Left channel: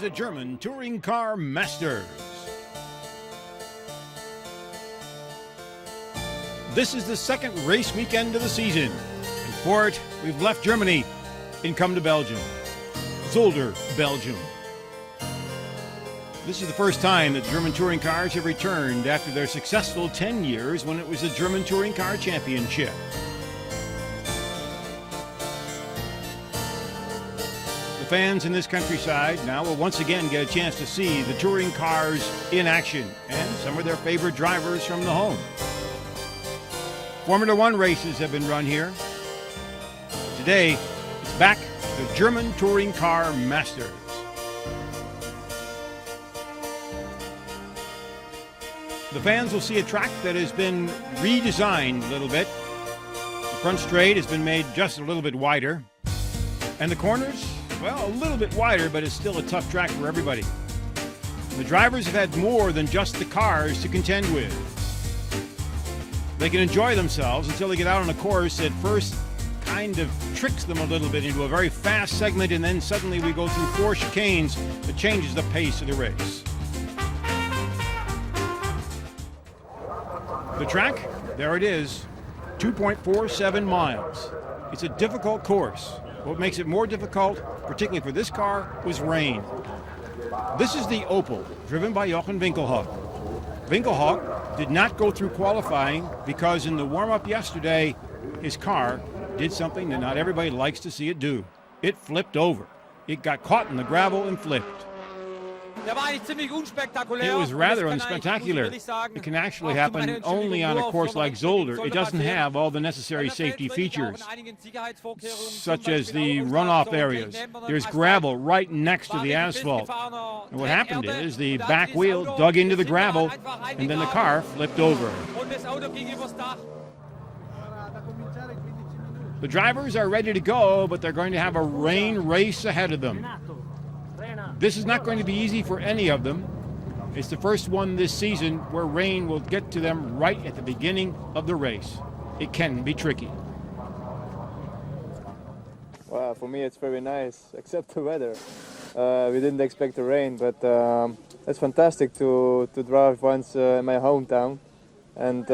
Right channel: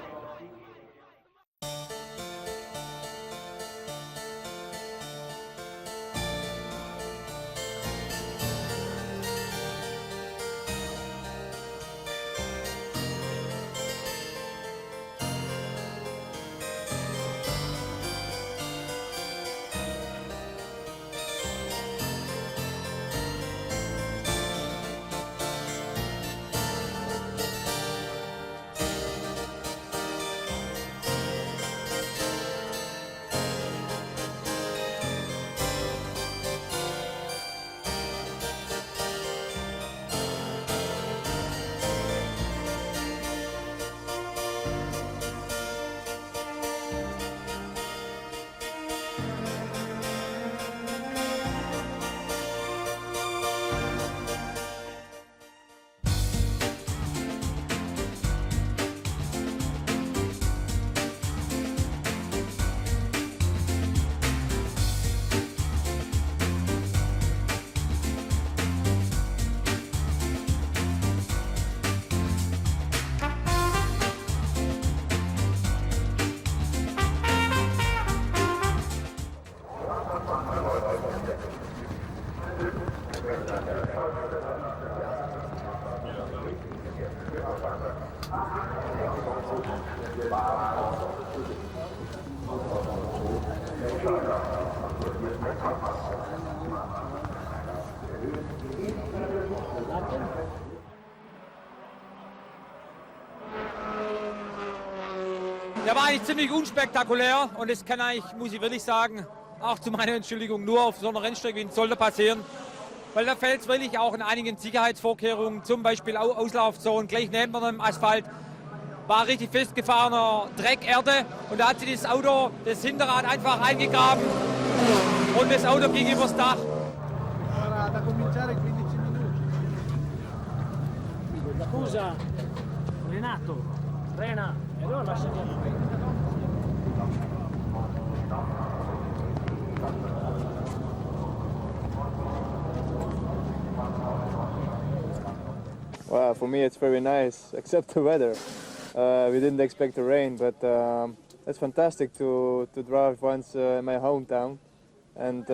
The German Touring Car Masters. This is the second race weekend of the season, and for it, we've left Germany and come to Belgium. Zolder, Belgium. This is the first time that German touring cars have returned after their successful 10 years when it was the German Touring Car Championship. Fans in this countryside now will once again get a chance to see the touring cars in action and some of their favorite drivers from the home. Formula One races have been run here. Today, it's back to the German Touring Car Masters. The fans will see a track that has been redesigned a little bit. The front straight has been made just a little bit wider, and the corners, well, a little bit wider, but it's still a tough track for everybody. The drivers have had more than just the cars to contend with. They can enjoy themselves until they get out on a course that first kind of tricks them a little bit into a very fast segment, and then suddenly we go through 4 chicanes that changes the pace of the race. The track, there it is, 2.47 miles. It's a difficult course. What makes it more difficult, particularly for this car, was rain. This is the Opel, driven by Jochen Winkelhock. Winkelhock did not go through qualifying because in the warm-up yesterday, his car did something that not everybody likes to see it do. It flipped over. It got caught in the gravel and flipped. It was rather unspectacular. It can actually happen only on a course like Zolder. It doesn't have all the necessary safety features, such as the runoff areas. There's gravel right next to the asphalt. What happened is the back wheel dug into the gravel, and then the car flipped over. The drivers are ready to go, but they're going to have a rain race ahead of them. This is not going to be easy for any of them. It's the first one this season where rain will get to them right at the beginning of the race. It can be tricky. Well, for me it's very nice, except the weather. We didn't expect the rain, but it's fantastic to drive once in my hometown and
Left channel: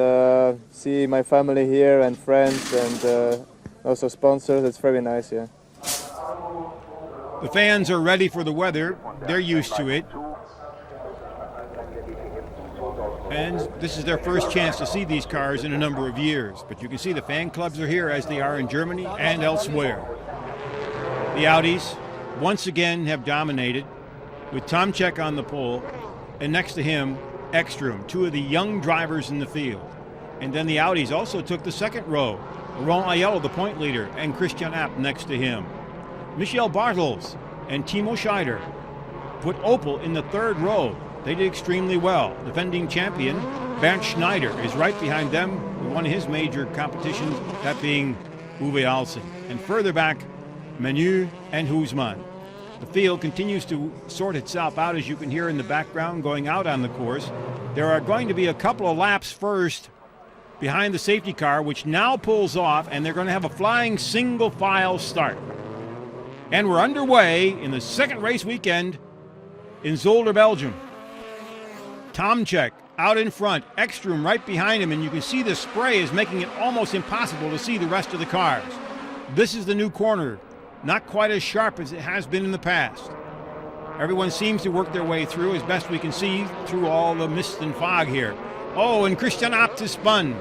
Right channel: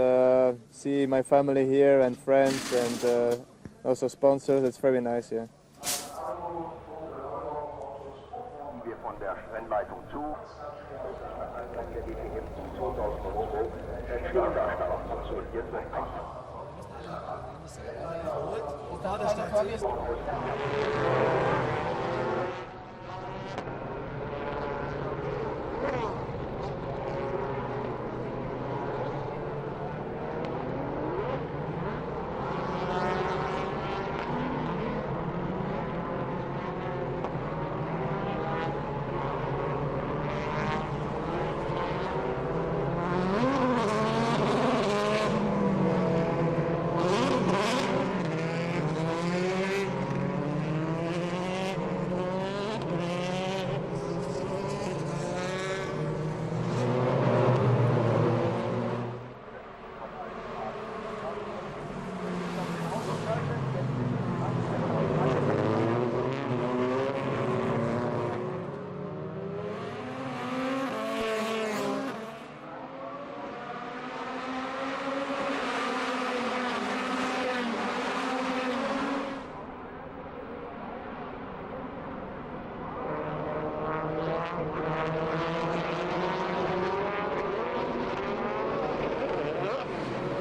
see my family here and friends and also sponsors. It's very nice, yeah. The fans are ready for the weather. They're used to it. And this is their first chance to see these cars in a number of years. But you can see the fan clubs are here as they are in Germany and elsewhere. The Audis once again have dominated with Tomczyk on the pole, and next to him, Ekstrom, 2 of the young drivers in the field. And then the Audis also took the second row. Laurent Aiello, the point leader, and Christian Abt next to him. Michel Bartels and Timo Schneider put Opel in the 3rd row. They did extremely well. Defending champion Bernd Schneider is right behind them. Won his major competition, that being Uwe Alsen. And further back, Menu and Husmann. The field continues to sort itself out, as you can hear in the background going out on the course. There are going to be a couple of laps first behind the safety car, which now pulls off, and they're going to have a flying single file start. And we're underway in the second race weekend in Zolder, Belgium. Tomczyk out in front, Ekstrom right behind him, and you can see the spray is making it almost impossible to see the rest of the cars. This is the new corner, not quite as sharp as it has been in the past. Everyone seems to work their way through as best we can see through all the mist and fog here. Oh, and Christian Abt is spun.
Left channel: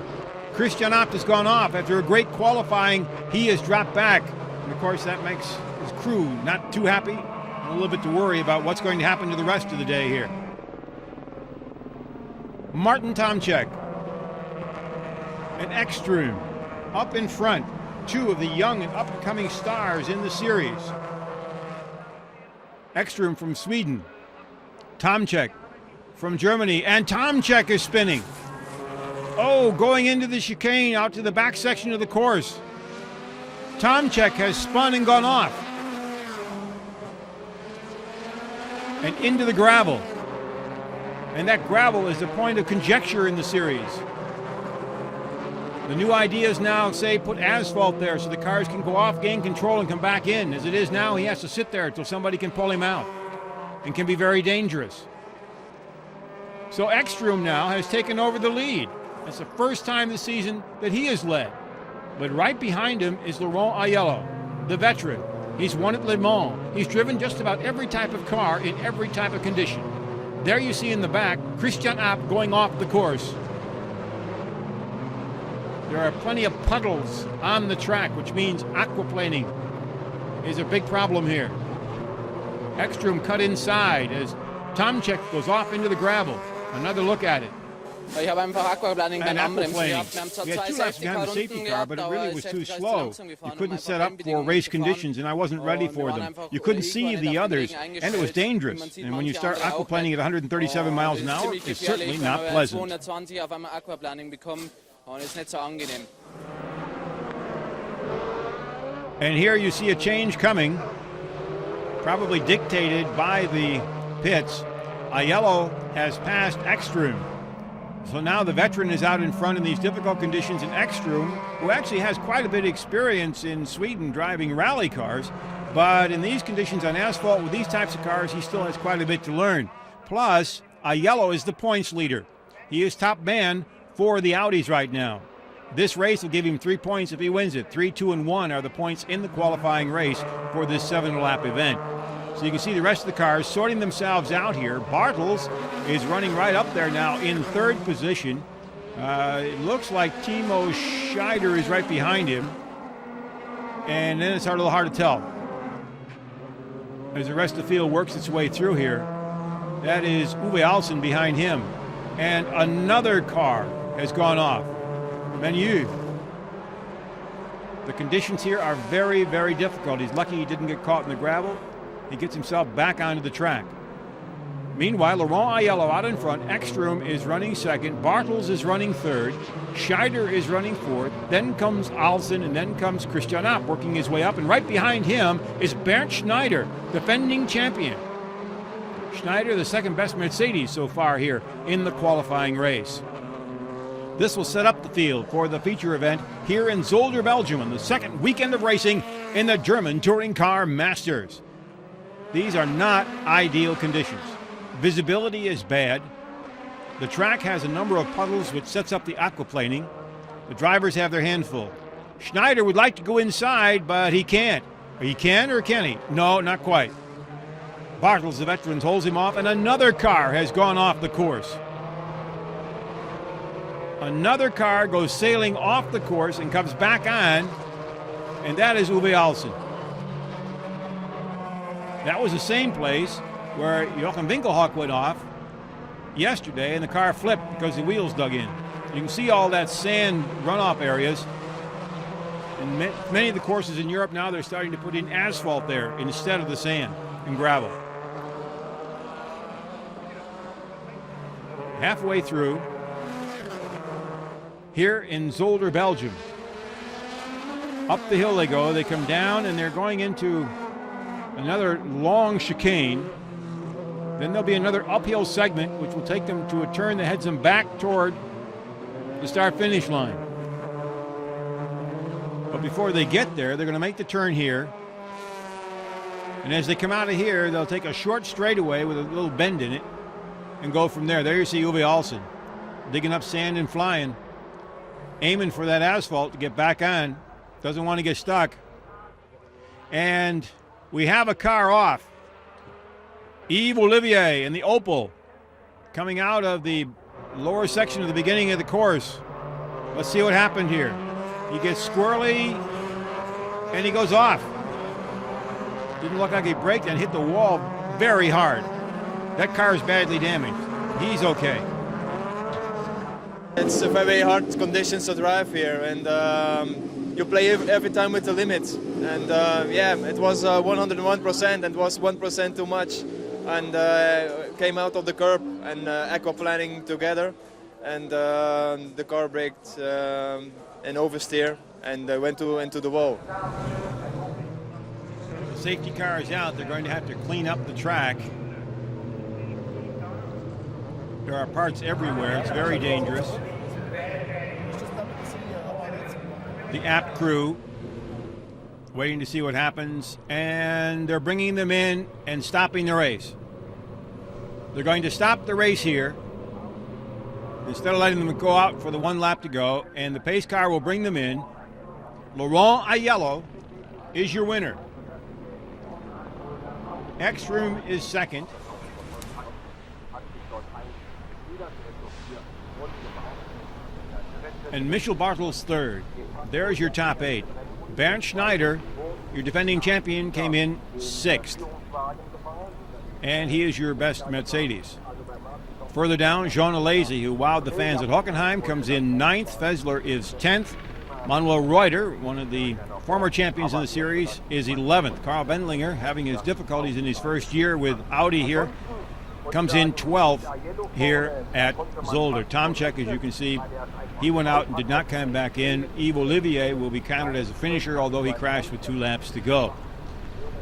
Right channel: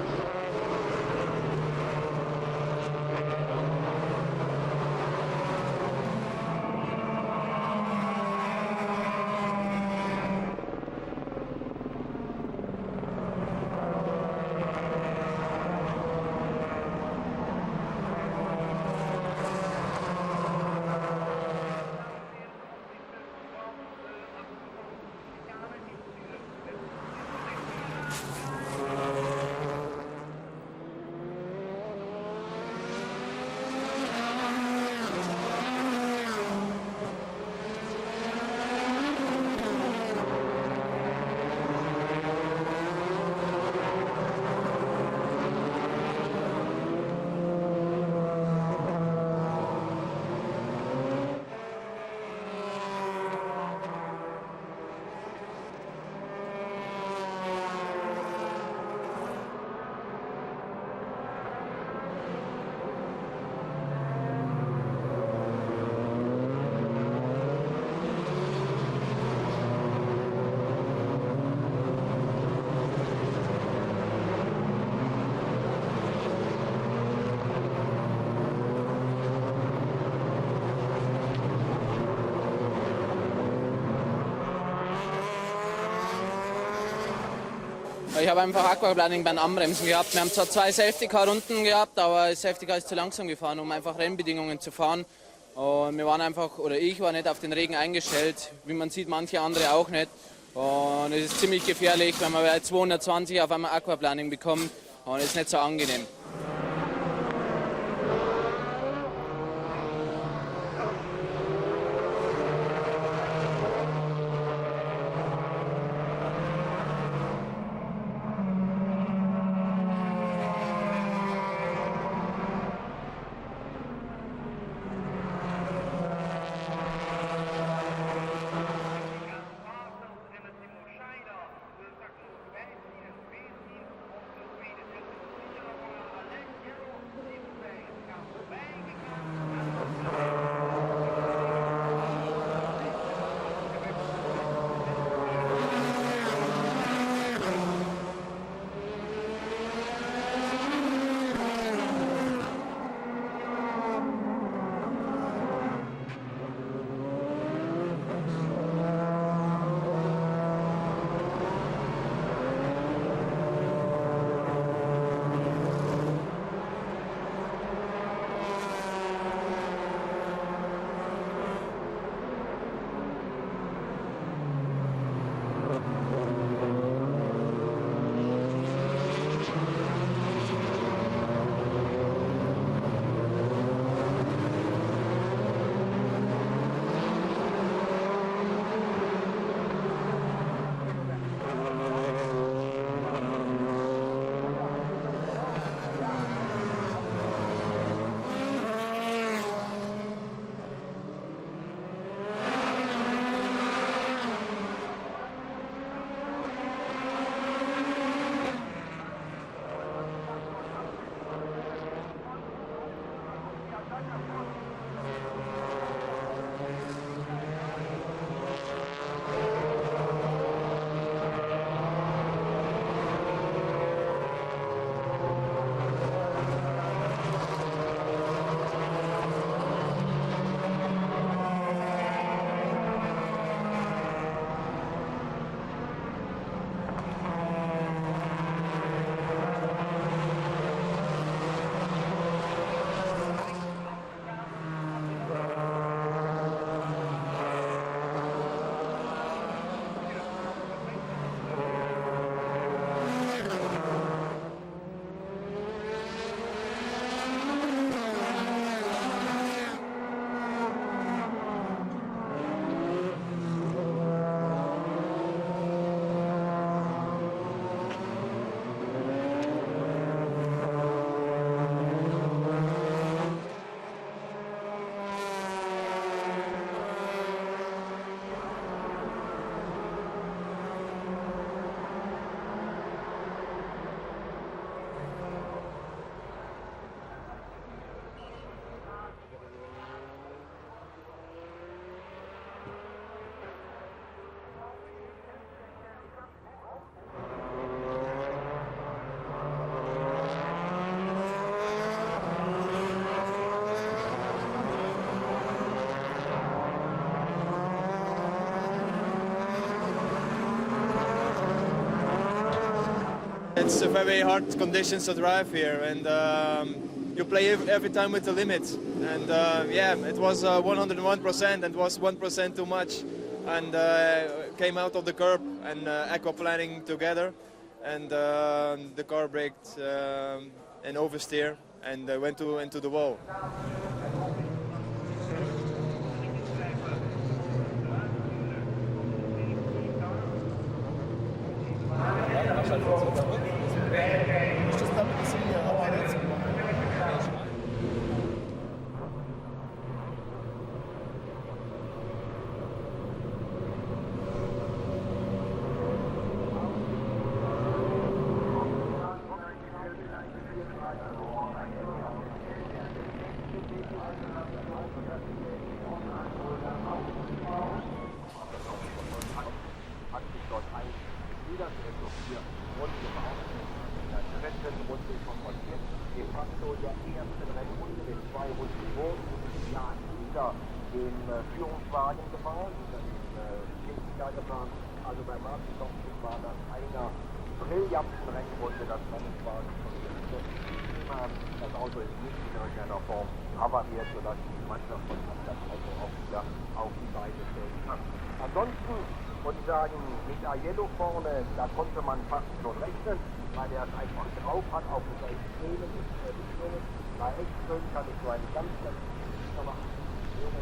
Christian Abt has gone off. After a great qualifying, he has dropped back. And of course, that makes his crew not too happy and a little bit to worry about what's going to happen to the rest of the day here. Martin Tomczyk and Ekstrom up in front, 2 of the young and up-and-coming stars in the series. Ekstrom from Sweden, Tomczyk from Germany, and Tomczyk is spinning. Oh, going into the chicane out to the back section of the course. Tomczyk has spun and gone off. And into the gravel. And that gravel is the point of conjecture in the series. The new idea is now, say, put asphalt there so the cars can go off, gain control, and come back in. As it is now, he has to sit there until somebody can pull him out, and can be very dangerous. So Ekstrom now has taken over the lead. That's the first time this season that he has led. But right behind him is Laurent Aiello, the veteran. He's won at Le Mans. He's driven just about every type of car in every type of condition. There you see in the back, Christian Abt going off the course. There are plenty of puddles on the track, which means aquaplaning is a big problem here. Ekstrom cut inside as Tomczyk goes off into the gravel. Another look at it. Ich habe einfach Aquaplaning beim Anbremsen gehabt. Wir haben zwar 2 Safety-Car-Runden gehabt, aber das Safety-Car ist zu langsam gefahren, um einfach Rennbedingungen zu fahren. Und wir waren einfach, oder ich war nicht auf den Regen eingestellt. Wie man sieht, manche andere auch nicht. Und es ist ziemlich gefährlich, wenn wir bei 220 auf einmal Aquaplaning bekommen. Und es ist nicht so angenehm. And here you see a change coming, probably dictated by the pits. Aiello has passed Ekstrom. So now the veteran is out in front in these difficult conditions, and Ekstrom, who actually has quite a bit of experience in Sweden driving rally cars, but in these conditions on asphalt with these types of cars, he still has quite a bit to learn. Plus, Aiello is the points leader. He is top man for the Audis right now. This race will give him 3 points if he wins it. 3, 2, and 1 are the points in the qualifying race for this 7-lap event. So you can see the rest of the cars sorting themselves out here. Bartels is running right up there now in 3rd position. It looks like Timo Schneider is right behind him. And then it's a little hard to tell as the rest of the field works its way through here. That is Uwe Alsen behind him. And another car has gone off. Menu. The conditions here are very, very difficult. He's lucky he didn't get caught in the gravel. He gets himself back onto the track. Meanwhile, Laurent Aiello out in front. Ekstrom is running 2nd. Bartels is running 3rd. Schneider is running 4th. Then comes Alsen, and then comes Christian Abt working his way up. And right behind him is Bernd Schneider, defending champion. Schneider, the 2nd best Mercedes so far here in the qualifying race. This will set up the field for the feature event here in Zolder, Belgium, in the 2nd weekend of racing in the German Touring Car Masters. These are not ideal conditions. Visibility is bad. The track has a number of puddles which sets up the aquaplaning. The drivers have their handful. Schneider would like to go inside, but he can't. He can or can he? No, not quite. Bartels, the veteran, holds him off, and another car has gone off the course. Another car goes sailing off the course and comes back on, and that is Uwe Alsen. That was the same place where Jochen Winkelhock went off yesterday, and the car flipped because the wheels dug in. You can see all that sand runoff areas. In many of the courses in Europe now, they're starting to put in asphalt there instead of the sand and gravel. Halfway through, here in Zolder, Belgium. Up the hill they go. They come down, and they're going into another long chicane. Then there'll be another uphill segment, which will take them to a turn that heads them back toward the start-finish line. But before they get there, they're going to make the turn here. And as they come out of here, they'll take a short straightaway with a little bend in it and go from there. There you see Uwe Alsen digging up sand and flying, aiming for that asphalt to get back on. Doesn't want to get stuck. And we have a car off. Yves Olivier in the Opel coming out of the lower section of the beginning of the course. Let's see what happened here. He gets squirrely and he goes off. Didn't look like he braked and hit the wall very hard. That car is badly damaged. He's okay. It's a very hard conditions to drive here, and you play every time with the limits. And yeah, it was 101%, and was 1% too much, and came out of the curb and aquaplaning together, and the car braked and oversteer and went into the wall. The safety car is out. They're going to have to clean up the track. There There are parts everywhere. It's very dangerous. The app crew waiting to see what happens, and they're bringing them in and stopping the race. They're going to stop the race here instead of letting them go out for the one lap to go, and the pace car will bring them in. Laurent Aiello is your winner. Ekstrom is second. And Michel Bartels third. There's your top 8. Bernd Schneider, your defending champion, came in 6th. And he is your best Mercedes. Further down, Jean Alesi, who wowed the fans at Hockenheim, comes in 9th. Fessler is 10th. Manuel Reuter, one of the former champions in the series, is 11th. Carl Bendlinger, having his difficulties in his first year with Audi here, comes in 12th here at Zolder. Tomczyk, as you can see, he went out and did not come back in. Yves Olivier will be counted as a finisher, although he crashed with 2 laps to go.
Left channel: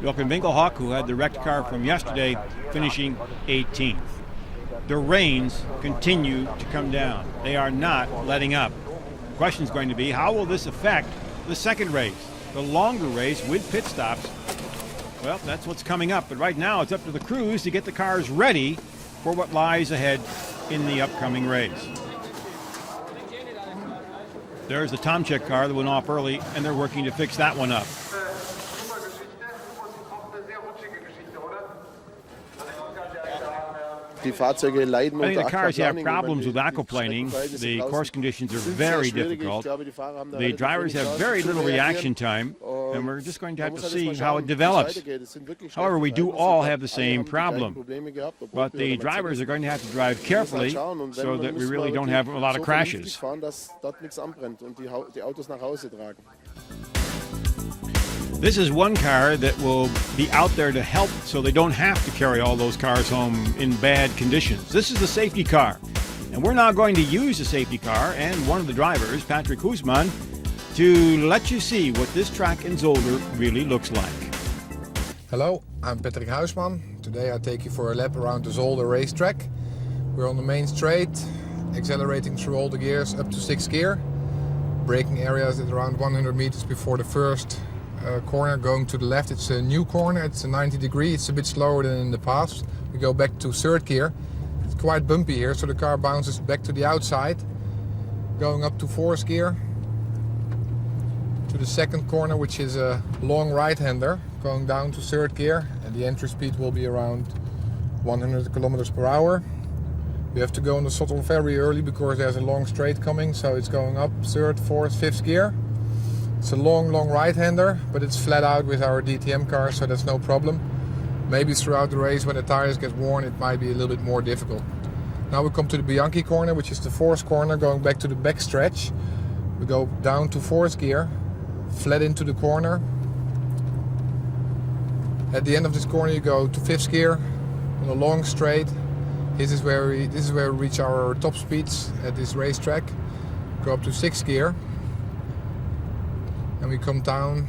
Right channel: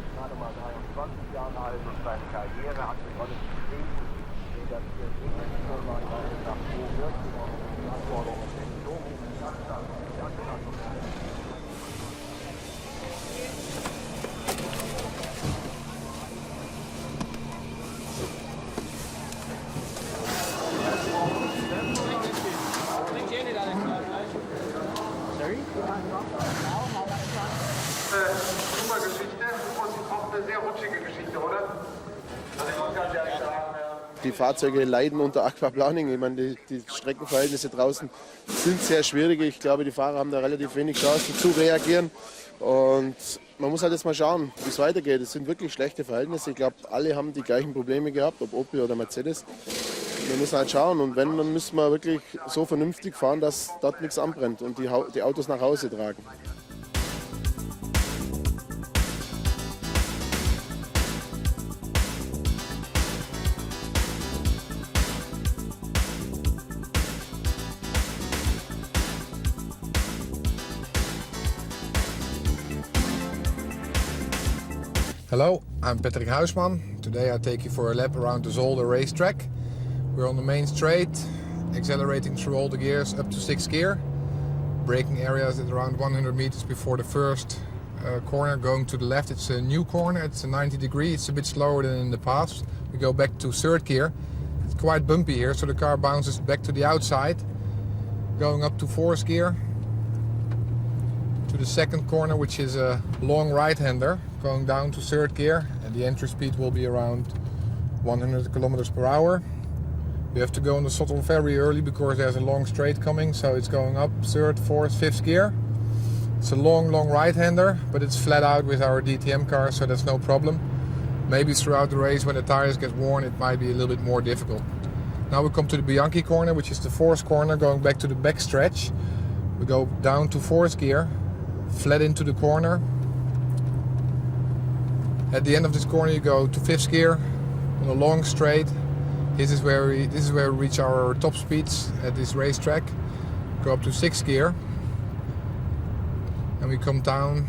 Jochen Winkelhock, who had the wrecked car from yesterday, finishing 18th. The rains continue to come down. They are not letting up. The question is going to be, how will this affect the second race, the longer race with pit stops? Well, that's what's coming up. But right now, it's up to the crews to get the cars ready for what lies ahead in the upcoming race. There's the Tomczyk car that went off early, and they're working to fix that one up. Die Fahrzeuge leiden I think unter the cars have Aquaplaning, weil problems with die aquaplaning. Streckenverhältnisse The draußen course conditions are sind sehr very schwierig. Ich difficult. glaube, die Fahrer haben da The relativ drivers wenig have very Chance zu little reaction reagieren. time, and we're just going to Man have muss to halt jetzt see mal how schauen, it wie es develops. weitergeht. Es sind wirklich schlechte However, we do Verhältnisse. all Ich have the glaube, alle same haben die gleichen problem. Probleme gehabt, ob But Opel the oder drivers Mercedes. are going to have to drive Man muss halt carefully schauen und wenn, so dann that we müssen wir really don't have a wirklich lot so of vernünftig crashes. fahren, dass dort nichts anbrennt und die Autos nach Hause tragen. This is one car that will be out there to help so they don't have to carry all those cars home in bad conditions. This is the safety car. And we're now going to use the safety car and one of the drivers, Patrick Hoesman, to let you see what this track in Zolder really looks like. Hello, I'm Patrick Huisman. Today I take you for a lap around the Zolder racetrack. We're on the main straight, accelerating through all the gears up to 6th gear. Braking areas at around 100 meters before the first corner. Going to the left, it's a new corner, it's a 90 degree, it's a bit slower than in the past. We go back to 3rd gear. It's quite bumpy here, so the car bounces back to the outside. Going up to 4th gear, to the 2nd corner, which is a long right-hander. Going down to 3rd gear, and the entry speed will be around 100 kilometers per hour. You have to go on the throttle very early because there's a long straight coming, so it's going up 3rd, 4th, 5th gear. It's a long right-hander, but it's flat out with our DTM car, so that's no problem. Maybe throughout the race, when the tires get worn, it might be a little bit more difficult. Now we come to the Bianchi corner, which is the 4th corner, going back to the back stretch. We go down to 4th gear, flat into the corner. At the end of this corner, you go to 5th gear on a long straight. This is where we reach our top speeds at this racetrack. Go up to 6th gear. And we come down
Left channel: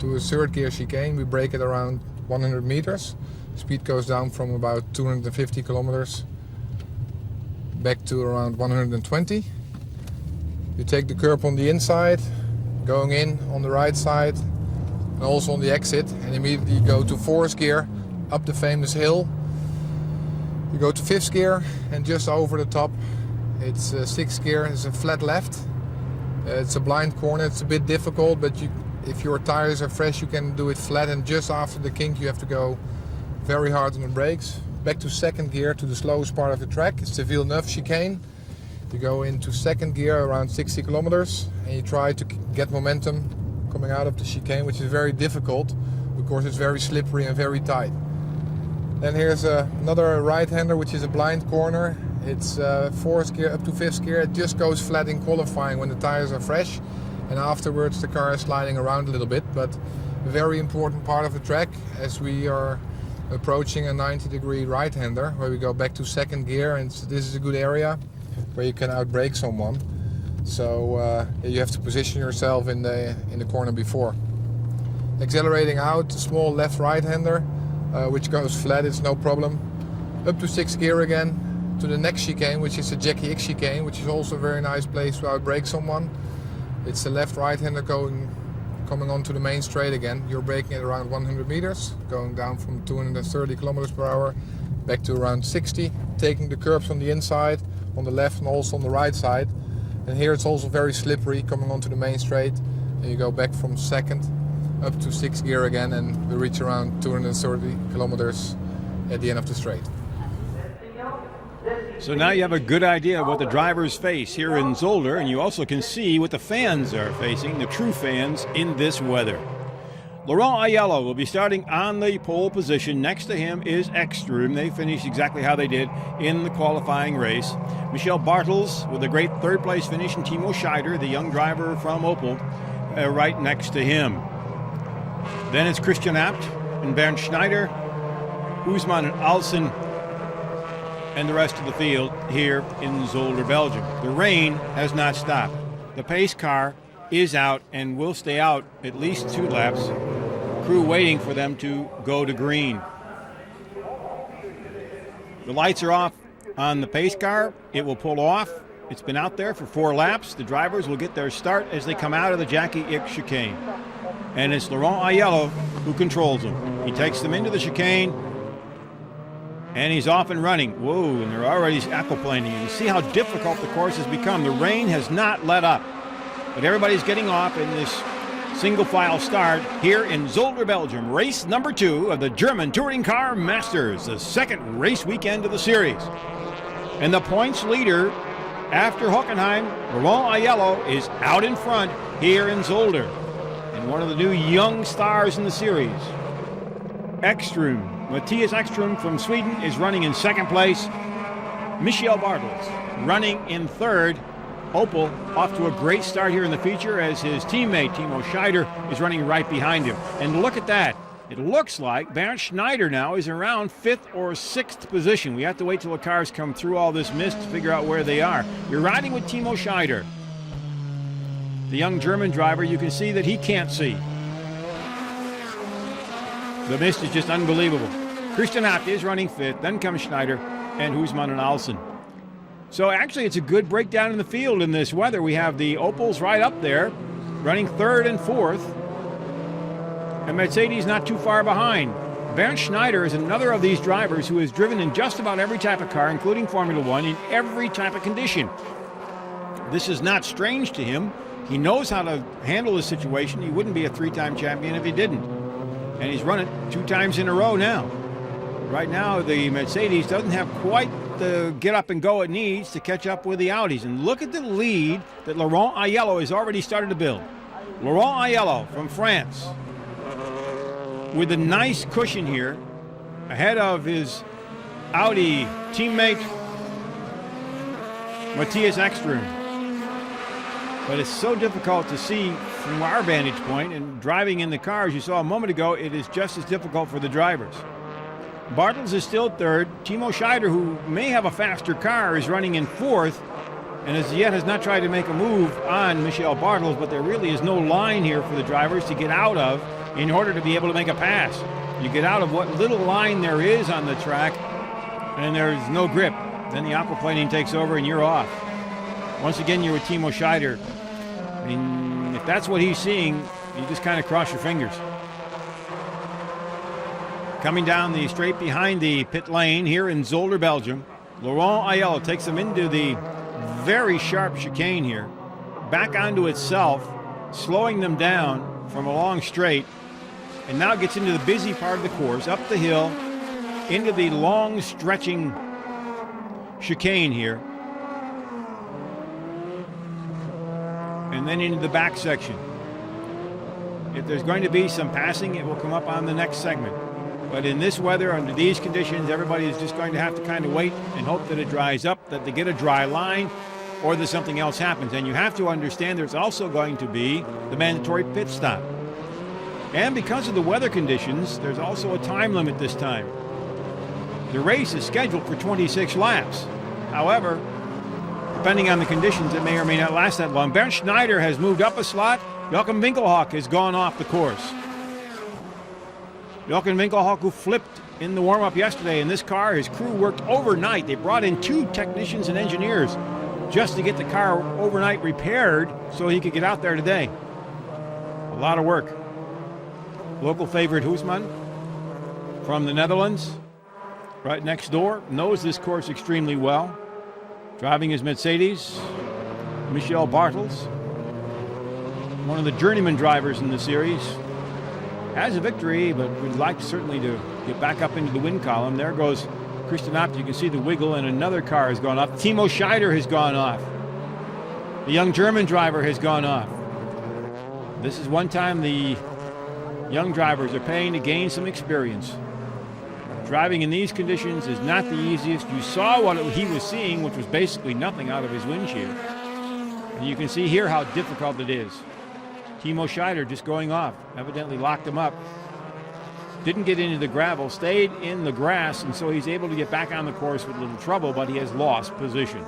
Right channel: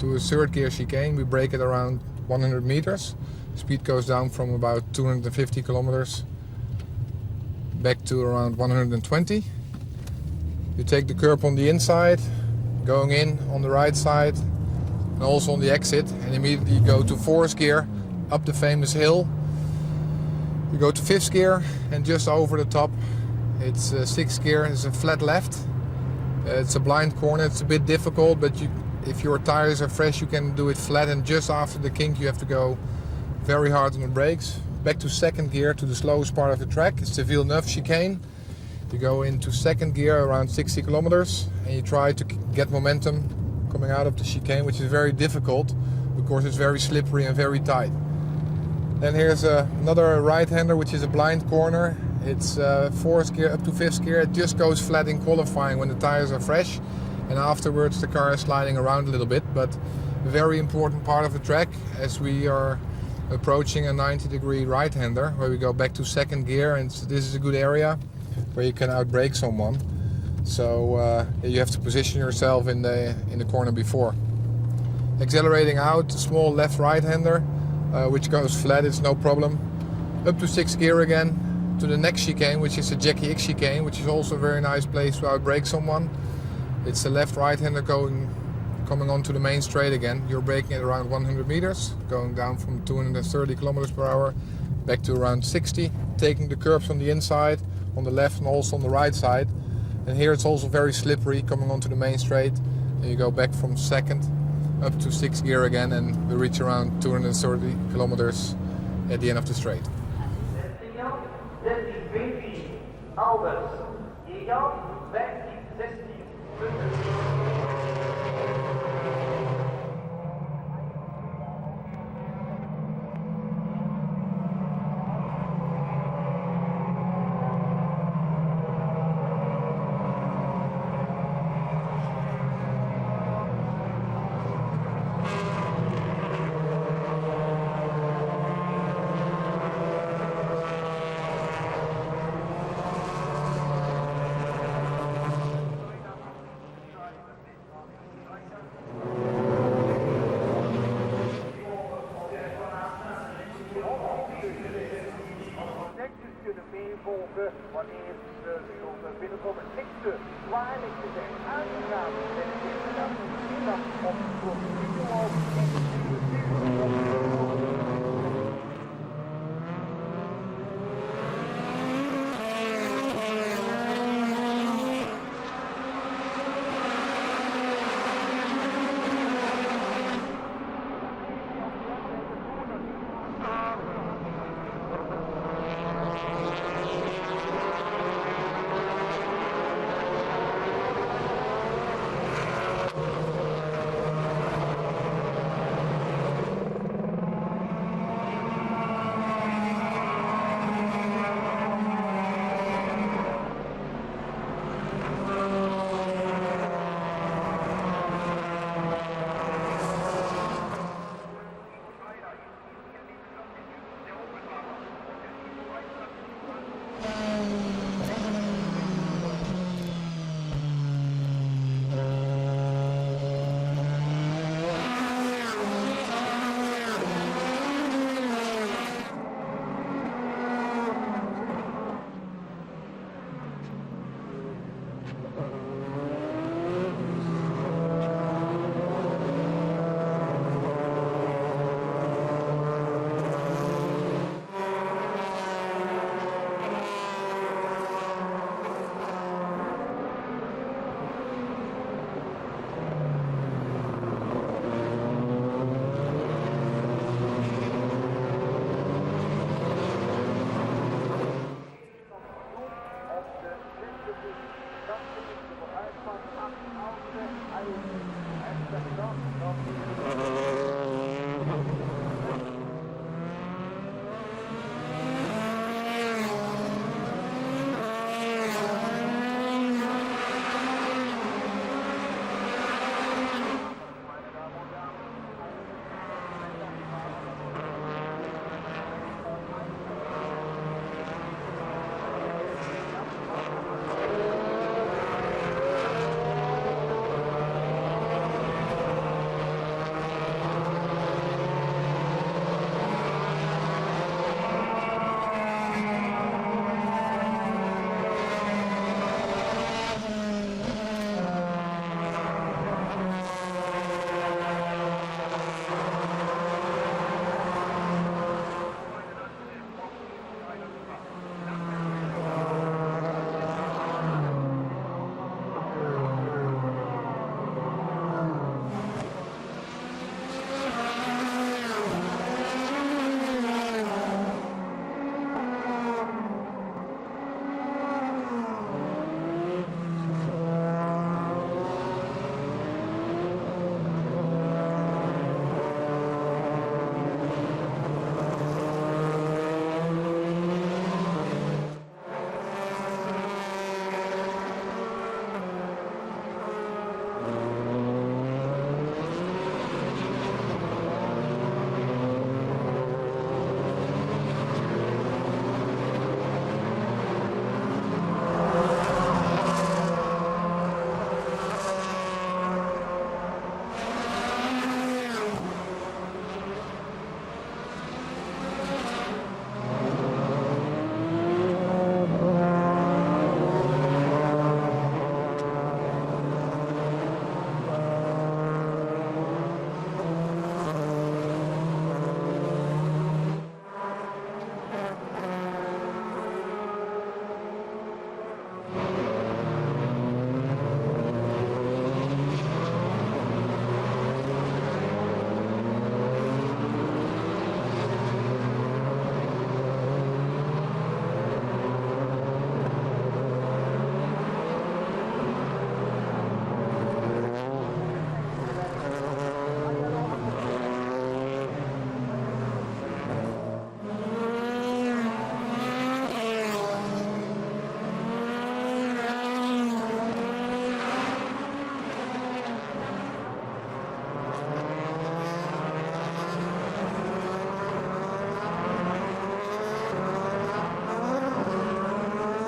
to a 3rd gear chicane. We brake at around 100 meters. Speed goes down from about 250 kilometers back to around 120. You take the curb on the inside, going in on the right side, and also on the exit, and immediately go to 4th gear, up the famous hill. You go to 5th gear, and just over the top, it's 6th gear, it's a flat left. It's a blind corner, it's a bit difficult, but if your tires are fresh, you can do it flat, and just after the kink you have to go very hard on the brakes. Back to 2nd gear, to the slowest part of the track. It's the Villeneuve chicane. You go into 2nd gear around 60 kilometers, and you try to get momentum coming out of the chicane, which is very difficult because it's very slippery and very tight. Then here's another right-hander, which is a blind corner. It's 4th gear up to 5th gear. It just goes flat in qualifying when the tires are fresh, and afterwards the car is sliding around a little bit, but a very important part of the track as we are approaching a 90 degree right-hander where we go back to 2nd gear, and this is a good area where you can outbrake someone. So you have to position yourself in the corner before. Accelerating out, small left right-hander which goes flat, it's no problem. Up to 6th gear again, to the next chicane, which is the Jackie X chicane, which is also a very nice place to outbrake someone. It's the left-right-hander coming onto the main straight again. You're braking at around 100 meters, going down from 230 kilometers per hour back to around 60, taking the curbs on the inside, on the left and also on the right side. And here it's also very slippery coming onto the main straight, and you go back from second up to 6th gear again, and we reach around 230 kilometers at the end of the straight. So now you have a good idea of what the drivers face here in Zolder, and you also can see what the fans are facing, the true fans, in this weather. Laurent Aiello will be starting on the pole position. Next to him is Ekstrom. They finished exactly how they did in the qualifying race. Michel Bartels with a great third-place finish, and Timo Schneider, the young driver from Opel, right next to him. Then it's Christian Abt and Bernd Schneider, Hoosman and Alsen, and the rest of the field here in Zolder, Belgium. The rain has not stopped. The pace car is out and will stay out at least 2 laps. Crew waiting for them to go to green. The lights are off on the pace car. It will pull off. It's been out there for 4 laps. The drivers will get their start as they come out of the Jackie X chicane. And it's Laurent Aiello who controls them. He takes them into the chicane, and he's off and running. Whoa, and they're already aquaplaning. And you see how difficult the course has become. The rain has not let up. But everybody's getting off in this single file start here in Zolder, Belgium. Race number 2 of the German Touring Car Masters, the second race weekend of the series. And the points leader after Hockenheim, Laurent Aiello, is out in front here in Zolder. And one of the new young stars in the series, Ekstrom. Matthias Ekstrom from Sweden is running in second place. Michel Bartels running in third. Opel off to a great start here in the feature as his teammate Timo Schneider is running right behind him. And look at that. It looks like Bernd Schneider now is around 5th or 6th position. We have to wait till the cars come through all this mist to figure out where they are. You're riding with Timo Schneider. The young German driver, you can see that he can't see. The mist is just unbelievable. Christian Abt is running 5th, then comes Schneider and Hoosman and Alsen. So actually it's a good breakdown in the field in this weather. We have the Opels right up there, running 3rd and 4th, and Mercedes not too far behind. Bernd Schneider is another of these drivers who has driven in just about every type of car, including Formula One, in every type of condition. This is not strange to him. He knows how to handle the situation. He wouldn't be a 3-time champion if he didn't. And he's run it 2 times in a row now. Right now, the Mercedes doesn't have quite the get up and go it needs to catch up with the Audis. And look at the lead that Laurent Aiello has already started to build. Laurent Aiello from France with a nice cushion here ahead of his Audi teammate Matthias Ekstrom. But it's so difficult to see from our vantage point, and driving in the car, as you saw a moment ago, it is just as difficult for the drivers. Bartels is still 3rd. Timo Schneider, who may have a faster car, is running in 4th, and as yet has not tried to make a move on Michel Bartels, but there really is no line here for the drivers to get out of in order to be able to make a pass. You get out of what little line there is on the track, and there's no grip. Then the aquaplaning takes over and you're off. Once again, you're with Timo Schneider. I mean, if that's what he's seeing, you just kind of cross your fingers. Coming down the straight behind the pit lane here in Zolder, Belgium, Laurent Aiello takes them into the very sharp chicane here, back onto itself, slowing them down from a long straight, and now gets into the busy part of the course, up the hill, into the long stretching chicane here, and then into the back section. If there's going to be some passing, it will come up on the next segment. But in this weather, under these conditions, everybody is just going to have to kind of wait and hope that it dries up, that they get a dry line, or that something else happens. And you have to understand there's also going to be the mandatory pit stop. And because of the weather conditions, there's also a time limit this time. The race is scheduled for 26 laps. However, depending on the conditions, it may or may not last that long. Bernd Schneider has moved up a slot. Joachim Winkelhock has gone off the course. Jochen Winkelhock, who flipped in the warm-up yesterday in this car. His crew worked overnight. They brought in 2 technicians and engineers just to get the car overnight repaired so he could get out there today. A lot of work. Local favorite Hoesman from the Netherlands, right next door, knows this course extremely well. Driving his Mercedes, Michel Bartels, one of the journeyman drivers in the series. Has a victory, but would like certainly to get back up into the win column. There goes Christian Abt. You can see the wiggle, and another car has gone off. Timo Schneider has gone off. The young German driver has gone off. This is one time the young drivers are paying to gain some experience. Driving in these conditions is not the easiest. You saw what he was seeing, which was basically nothing out of his windshield. And you can see here how difficult it is. Timo Schneider just going off, evidently locked him up. Didn't get into the gravel, stayed in the grass, and so he's able to get back on the course with a little trouble, but he has lost position.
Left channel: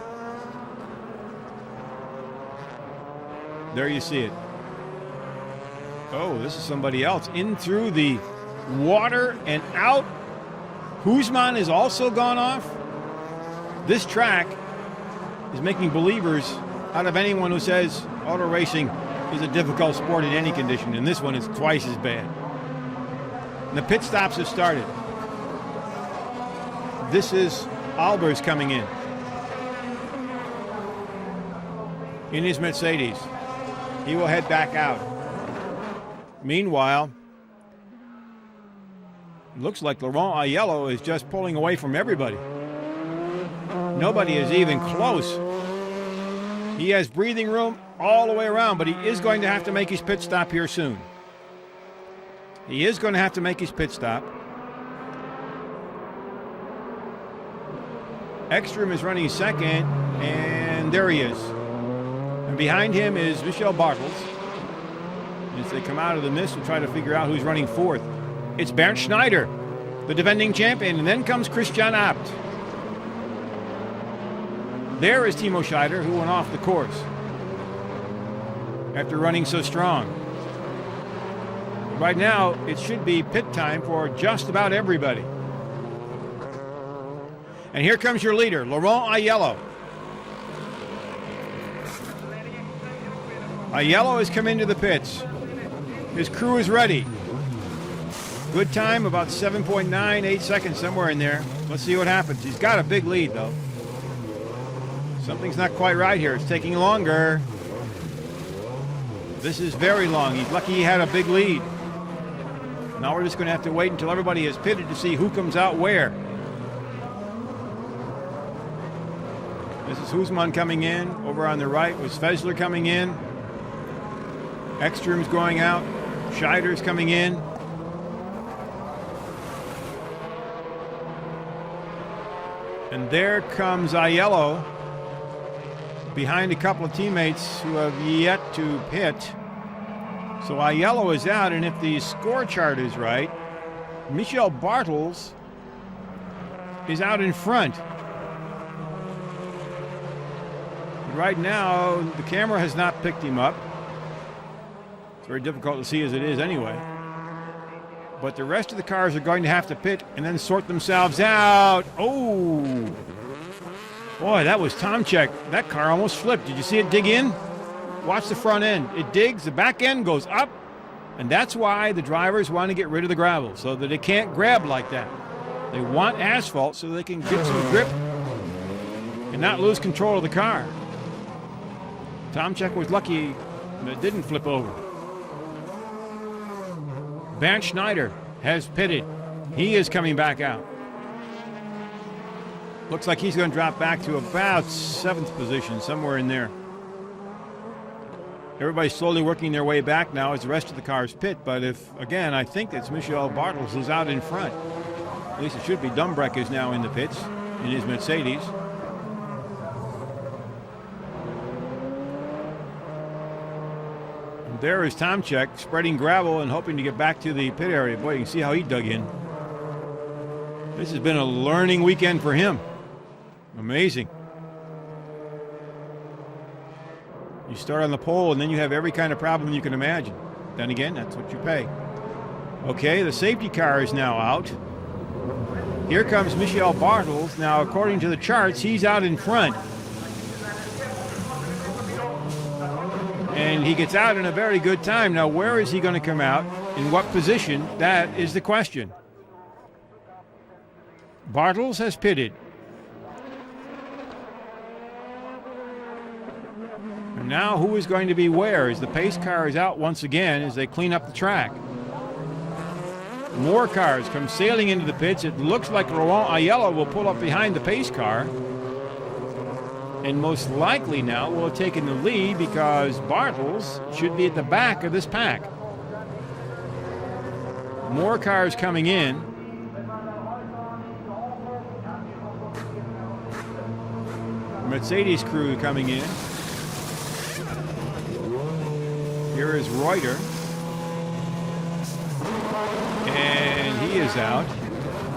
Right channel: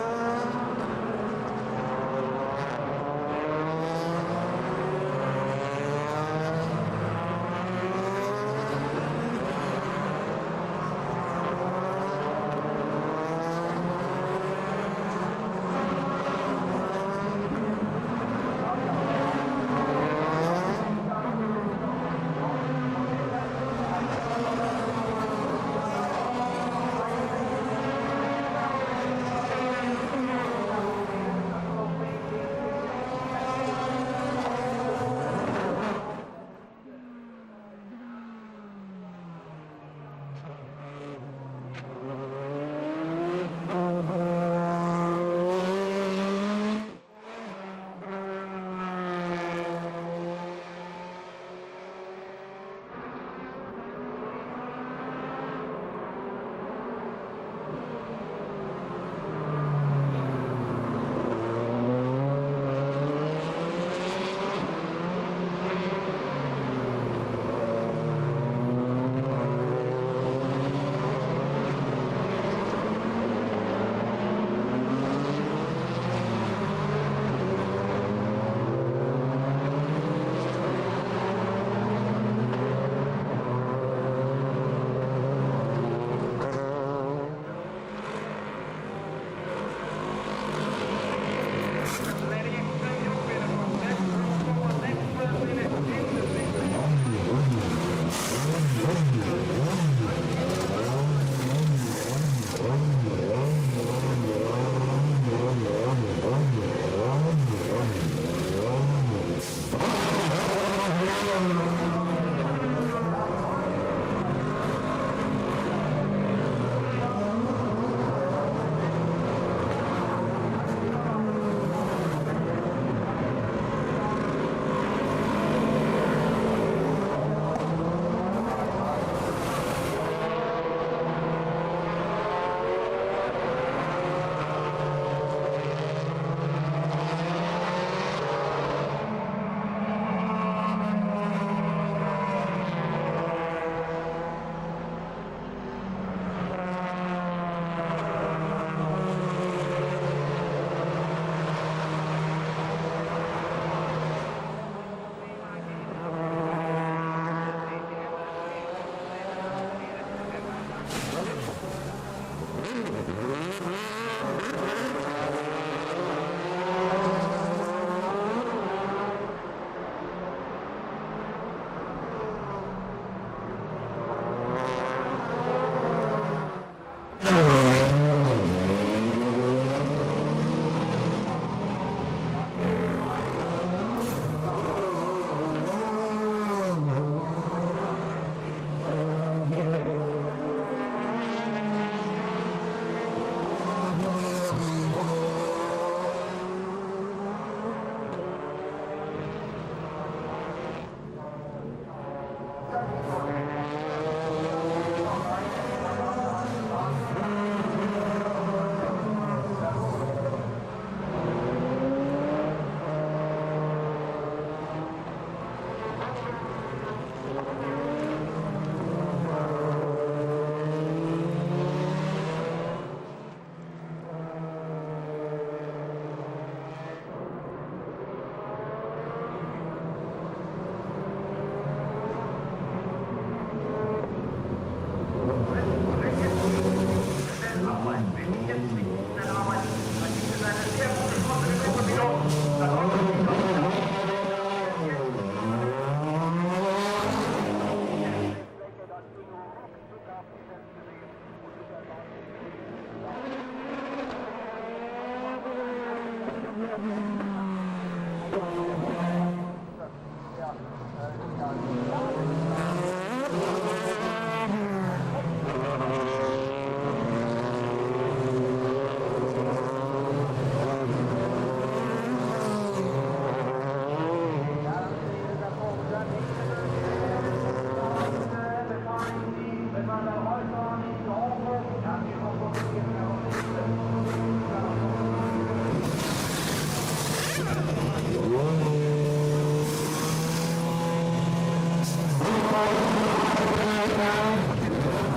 There you see it. Oh, this is somebody else. In through the water and out. Hoesman has also gone off. This track is making believers out of anyone who says auto racing is a difficult sport in any condition, and this one is twice as bad. And the pit stops have started. This is Albers coming in his Mercedes. He will head back out. Meanwhile, looks like Laurent Aiello is just pulling away from everybody. Nobody is even close. He has breathing room all the way around, but he is going to have to make his pit stop here soon. He is going to have to make his pit stop. Ekstrom is running second, and there he is. And behind him is Michel Bartels. As they come out of the mist and try to figure out who's running fourth. It's Bernd Schneider, the defending champion, and then comes Christian Abt. There is Timo Schneider, who went off the course after running so strong. Right now, it should be pit time for just about everybody. And here comes your leader, Laurent Aiello. Aiello has come into the pits. His crew is ready. Good time, about 7.98 seconds, somewhere in there. Let's see what happens. He's got a big lead, though. Something's not quite right here. It's taking longer. This is very long. He's lucky he had a big lead. Now we're just going to have to wait until everybody has pitted to see who comes out where. This is Hoesman coming in. Over on the right was Fessler coming in. Ekstrom's going out. Schneider's coming in. And there comes Aiello behind a couple of teammates who have yet to pit. So Aiello is out, and if the score chart is right, Michel Bartels is out in front. But right now, the camera has not picked him up. It's very difficult to see as it is anyway. But the rest of the cars are going to have to pit and then sort themselves out. Oh! Boy, that was Tomczyk. That car almost flipped. Did you see it dig in? Watch the front end. It digs, the back end goes up, and that's why the drivers want to get rid of the gravel, so that it can't grab like that. They want asphalt so they can get some grip and not lose control of the car. Tomczyk was lucky that it didn't flip over. Bernd Schneider has pitted. He is coming back out. Looks like he's going to drop back to about 7th position, somewhere in there. Everybody's slowly working their way back now as the rest of the cars pit, but again, I think it's Michel Bartels is out in front. At least it should be. Dumbreck is now in the pits in his Mercedes. There is Tomczyk spreading gravel and hoping to get back to the pit area. Boy, you can see how he dug in. This has been a learning weekend for him. Amazing. You start on the pole and then you have every kind of problem you can imagine. Then again, that's what you pay. Okay, the safety car is now out. Here comes Michel Bartels. Now, according to the charts, he's out in front. And he gets out in a very good time. Now, where is he going to come out? In what position? That is the question. Bartels has pitted. And now who is going to be where? As the pace car is out once again as they clean up the track. More cars come sailing into the pits. It looks like Laurent Aiello will pull up behind the pace car. And most likely now will have taken the lead because Bartels should be at the back of this pack. More cars coming in. Mercedes crew coming in. Here is Reuter. And he is out.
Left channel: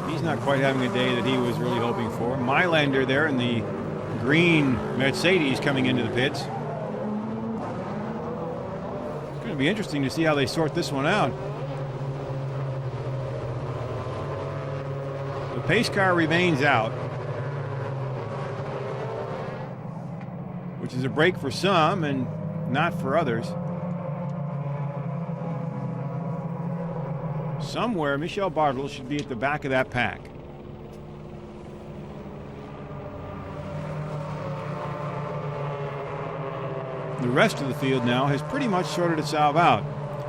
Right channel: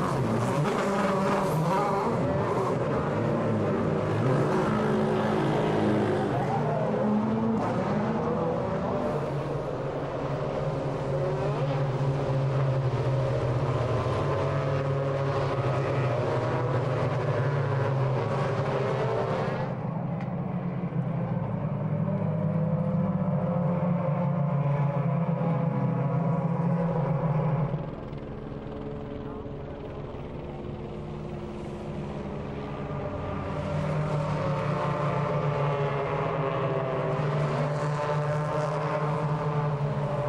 He's not quite having a day that he was really hoping for. Mylander there in the green Mercedes coming into the pits. It's going to be interesting to see how they sort this one out. The pace car remains out, which is a break for some and not for others. Somewhere, Michel Bartels should be at the back of that pack. The rest of the field now has pretty much sorted itself out.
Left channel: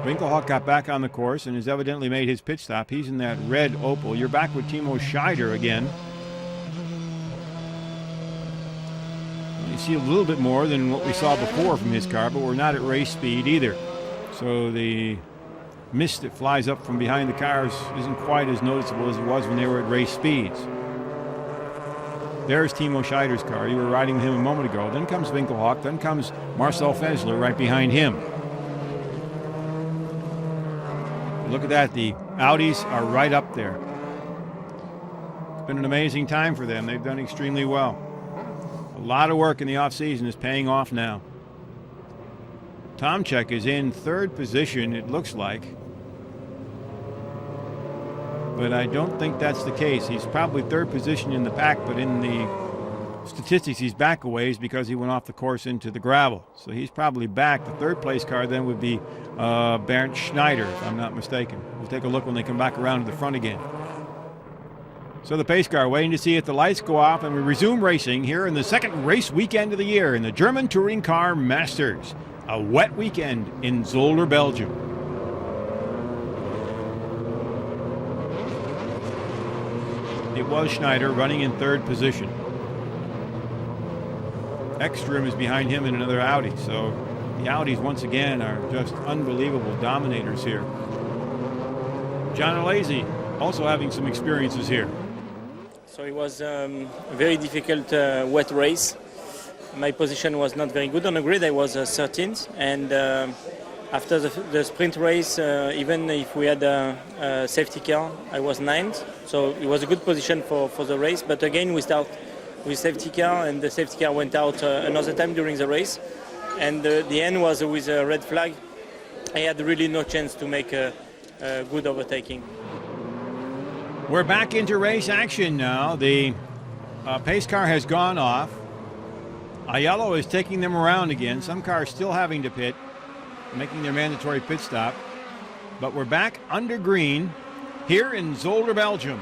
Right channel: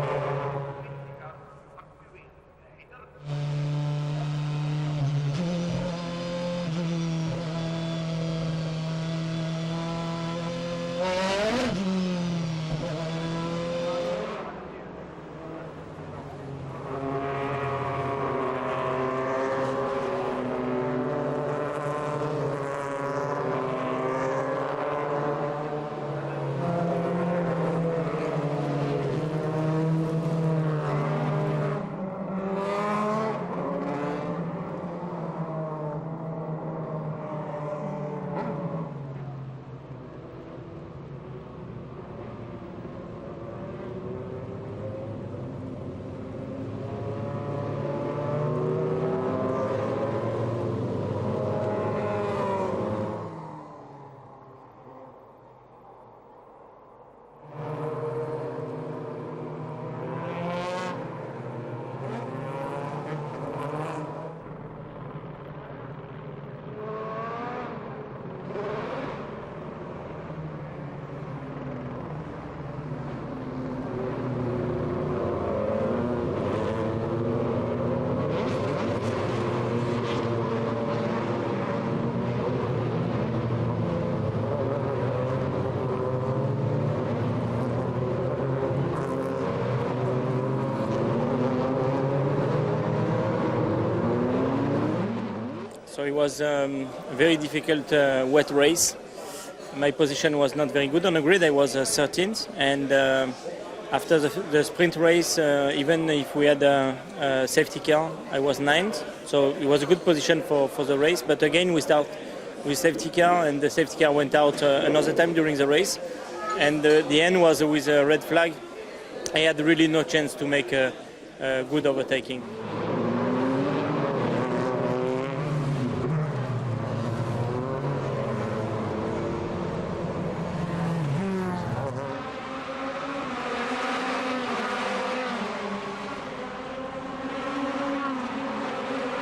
Winkelhock got back on the course and has evidently made his pit stop. He's in that red Opel. You're back with Timo Schneider again. You see a little bit more than what we saw before from his car, but we're not at race speed either. So the mist that flies up from behind the cars isn't quite as noticeable as it was when they were at race speeds. There's Timo Schneider's car. You were riding him a moment ago. Then comes Winkelhock. Then comes Marcel Fessler right behind him. Look at that. The Audis are right up there. It's been an amazing time for them. They've done extremely well. A lot of work in the offseason is paying off now. Tomczyk is in third position, it looks like. But I don't think that's the case. He's probably third position in the pack, but in the statistics he's back a ways because he went off the course into the gravel. So he's probably back. The third place car then would be Bernd Schneider, if I'm not mistaken. We'll take a look when they come back around to the front again. So the pace car waiting to see if the lights go off, and we resume racing here in the second race weekend of the year in the German Touring Car Masters. A wet weekend in Zolder, Belgium. It was Schneider running in third position. Ekstrom is behind him in another Audi, so the Audis once again are just unbelievable dominators here. John Alesi also having some experiences here. So it was a very difficult wet race. My position was not very good on the grid. I was 13th, and after the sprint race, even if we had a safety car, I was 9th. So it was a good position for the race. But again, we start with safety car, and the safety car went out another time during the race. And the end was with a red flag. I had really no chance to make a good overtaking. We're back into race action now. The pace car has gone off. Aiello is taking them around again. Some cars still having to pit, making their mandatory pit stop. But we're back under green here in Zolder, Belgium.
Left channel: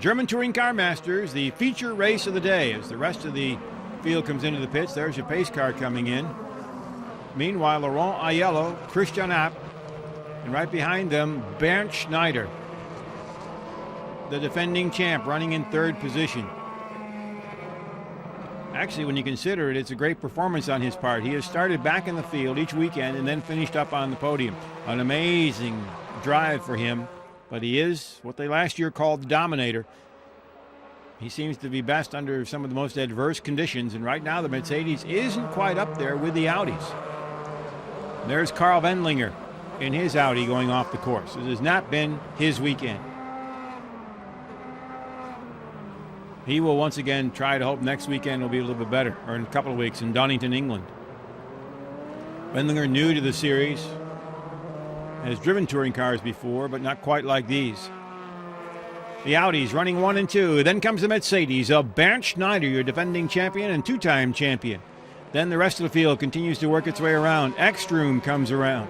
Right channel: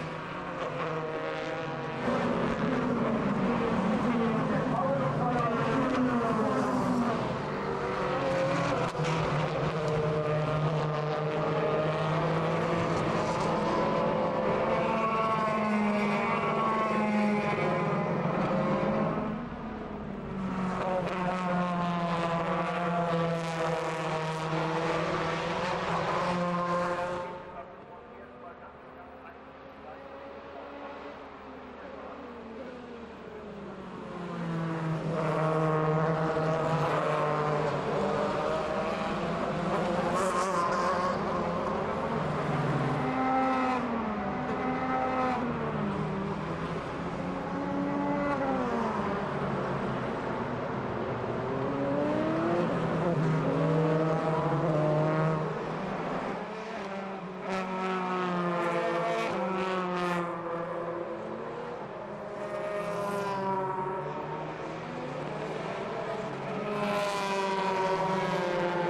German Touring Car Masters, the feature race of the day. As the rest of the field comes into the pits, there's your pace car coming in. Meanwhile, Laurent Aiello, Christian Abt, right behind them, Bernd Schneider, the defending champ, running in third position. Actually, when you consider it, it's a great performance on his part. He has started back in the field each weekend and then finished up on the podium. An amazing drive for him, but he is what they last year called the dominator. He seems to be best under some of the most adverse conditions, and right now the Mercedes isn't quite up there with the Audis. There's Carl Wendlinger in his Audi going off the course. It has not been his weekend. He will once again try to hope next weekend will be a little bit better, or in a couple of weeks in Donington, England. Wendlinger new to the series. Has driven touring cars before, but not quite like these. The Audis running 1 and 2. Then comes the Mercedes of Bernd Schneider, your defending champion and 2-time champion. Then the rest of the field continues to work its way around. Ekstrom comes around.